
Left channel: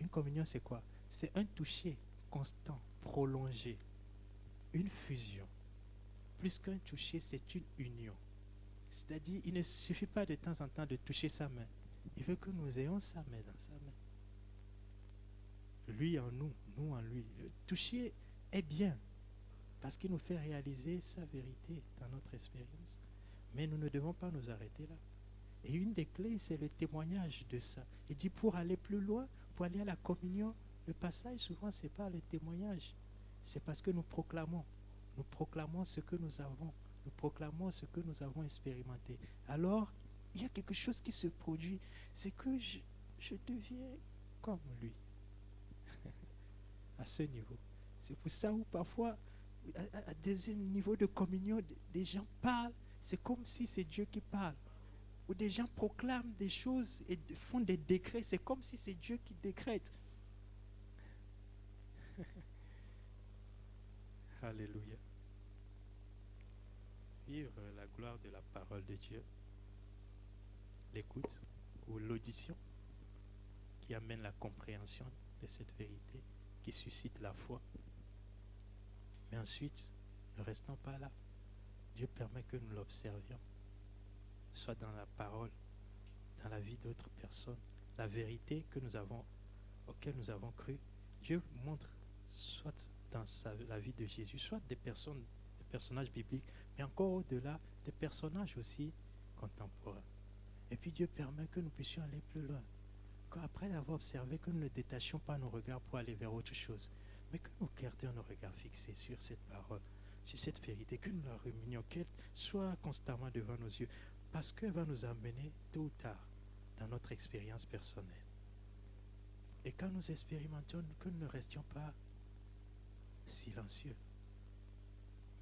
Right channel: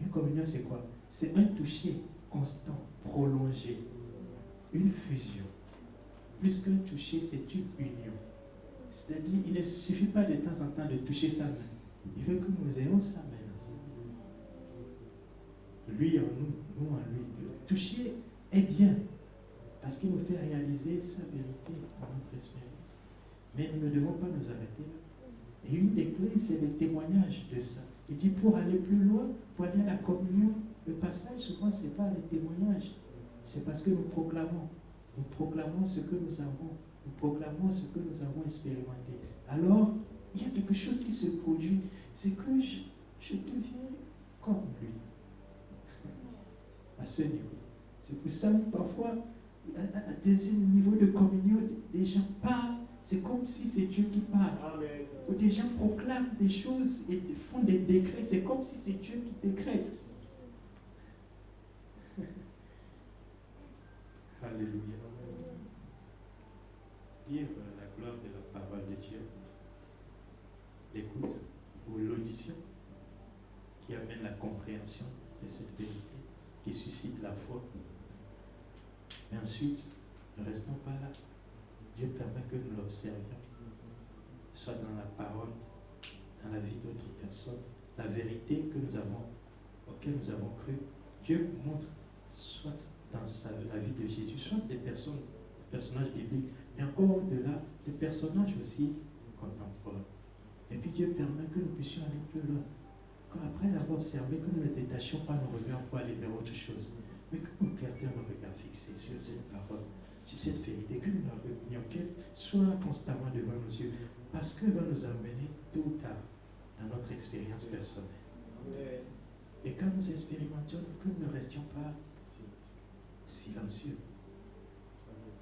Une communion, c'est quoi? C'est un toucher constant, prolongé. Une fusion. Plus qu'un toucher, c'est une union. C'est-à-dire, il ne suffit pas de temps en temps de toucher sa main. Il veut que nous ayons sa main dans sa main. Lui en nous, nous en lui. Le toucher est bien parce qu'il nous fait réaliser sa vérité dans notre expérience. Mais nous ne devons pas nous arrêter là. Et une des clés, c'est le témoignage de ça. Il dit pour aller plus loin, pour aller à la communion, le passage souvent, ce n'est pas le témoignage. C'est parce que nous proclamons. Nous proclamons ce que nous avons. Nous proclamons ce que nous avons expérimenté. Alors, il y a quelque chose qui se produit. C'est que je deviens comme lui. À ce niveau. C'est pour ça que parfois, à des niveaux de communion, des gens parlent. C'est comme si c'est Dieu qui parle. Amen. Ou des gens proclament des choses et font des décrets. C'est comme si c'est Dieu qui décrète. Alléluia. Vivre la gloire de la parole de Dieu, l'écoute ou l'audition qui amène la compréhension de cette vérité, qui suscite la foi. Mais ensuite, ne restons pas là. Dieu permet que nous l'observions, soit dans la parole, dans la vie d'autres personnes, la vérité que nous avons, auquel nous avons cru. Dieu montre, soit dans la vie de Jésus, soit des personnages bibliques, mais encore au-delà, des personnages aussi contemporains. Et puis Dieu permet que nous puissions aller plus loin. Qu'après l'avoir observé, que nous ne détachions pas nos regards pour aller vers autre chose. Mais que nous gardions nos regards fixés sur cette parole, sur cette vérité, que nous la ruminions, qu'elle soit constamment devant nos yeux, parce qu'elle va nous amener tôt ou tard dans notre expérience personnelle. Et quand nous expérimentions, que nous ne restions pas silencieux,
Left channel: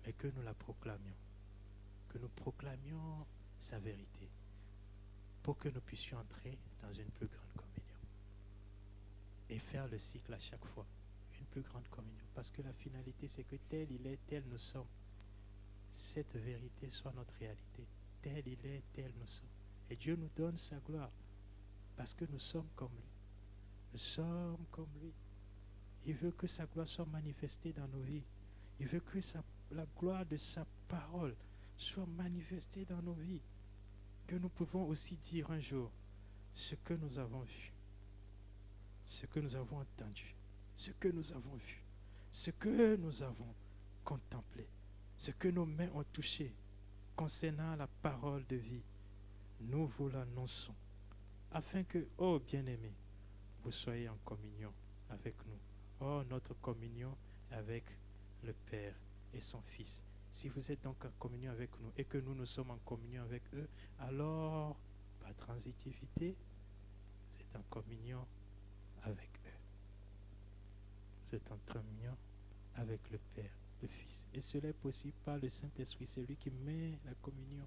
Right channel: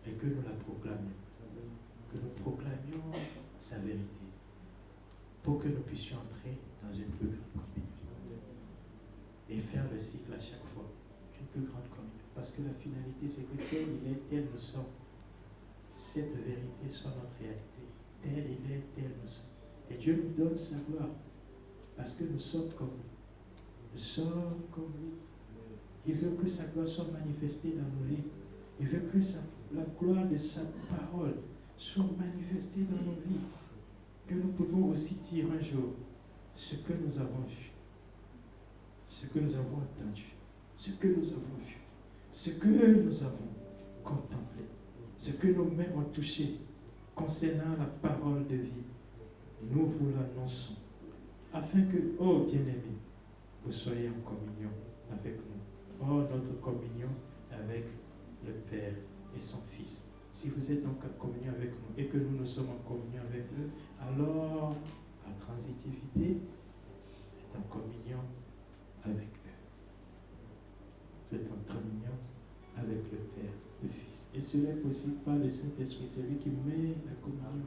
mais que nous la proclamions, que nous proclamions sa vérité, pour que nous puissions entrer dans une plus grande communion et faire le cycle à chaque fois, une plus grande communion. Parce que la finalité, c'est que tel il est, tel nous sommes, cette vérité soit notre réalité. Tel il est, tel nous sommes. Et Dieu nous donne sa gloire, parce que nous sommes comme lui. Nous sommes comme lui. Il veut que sa gloire soit manifestée dans nos vies. Il veut que la gloire de sa parole soit manifestée dans nos vies. Que nous pouvons aussi dire un jour ce que nous avons vu, ce que nous avons entendu, ce que nous avons vu, ce que nous avons contemplé, ce que nos mains ont touché concernant la parole de vie. Nous vous l'annonçons, afin que, oh bien-aimés, vous soyez en communion avec nous. Oh, notre communion avec le Père et son Fils. Si vous êtes donc en communion avec nous et que nous sommes en communion avec eux, alors, par transitivité, vous êtes en communion avec eux. Vous êtes en communion avec le Père, le Fils. Et cela est possible par le Saint-Esprit, c'est lui qui met la communion.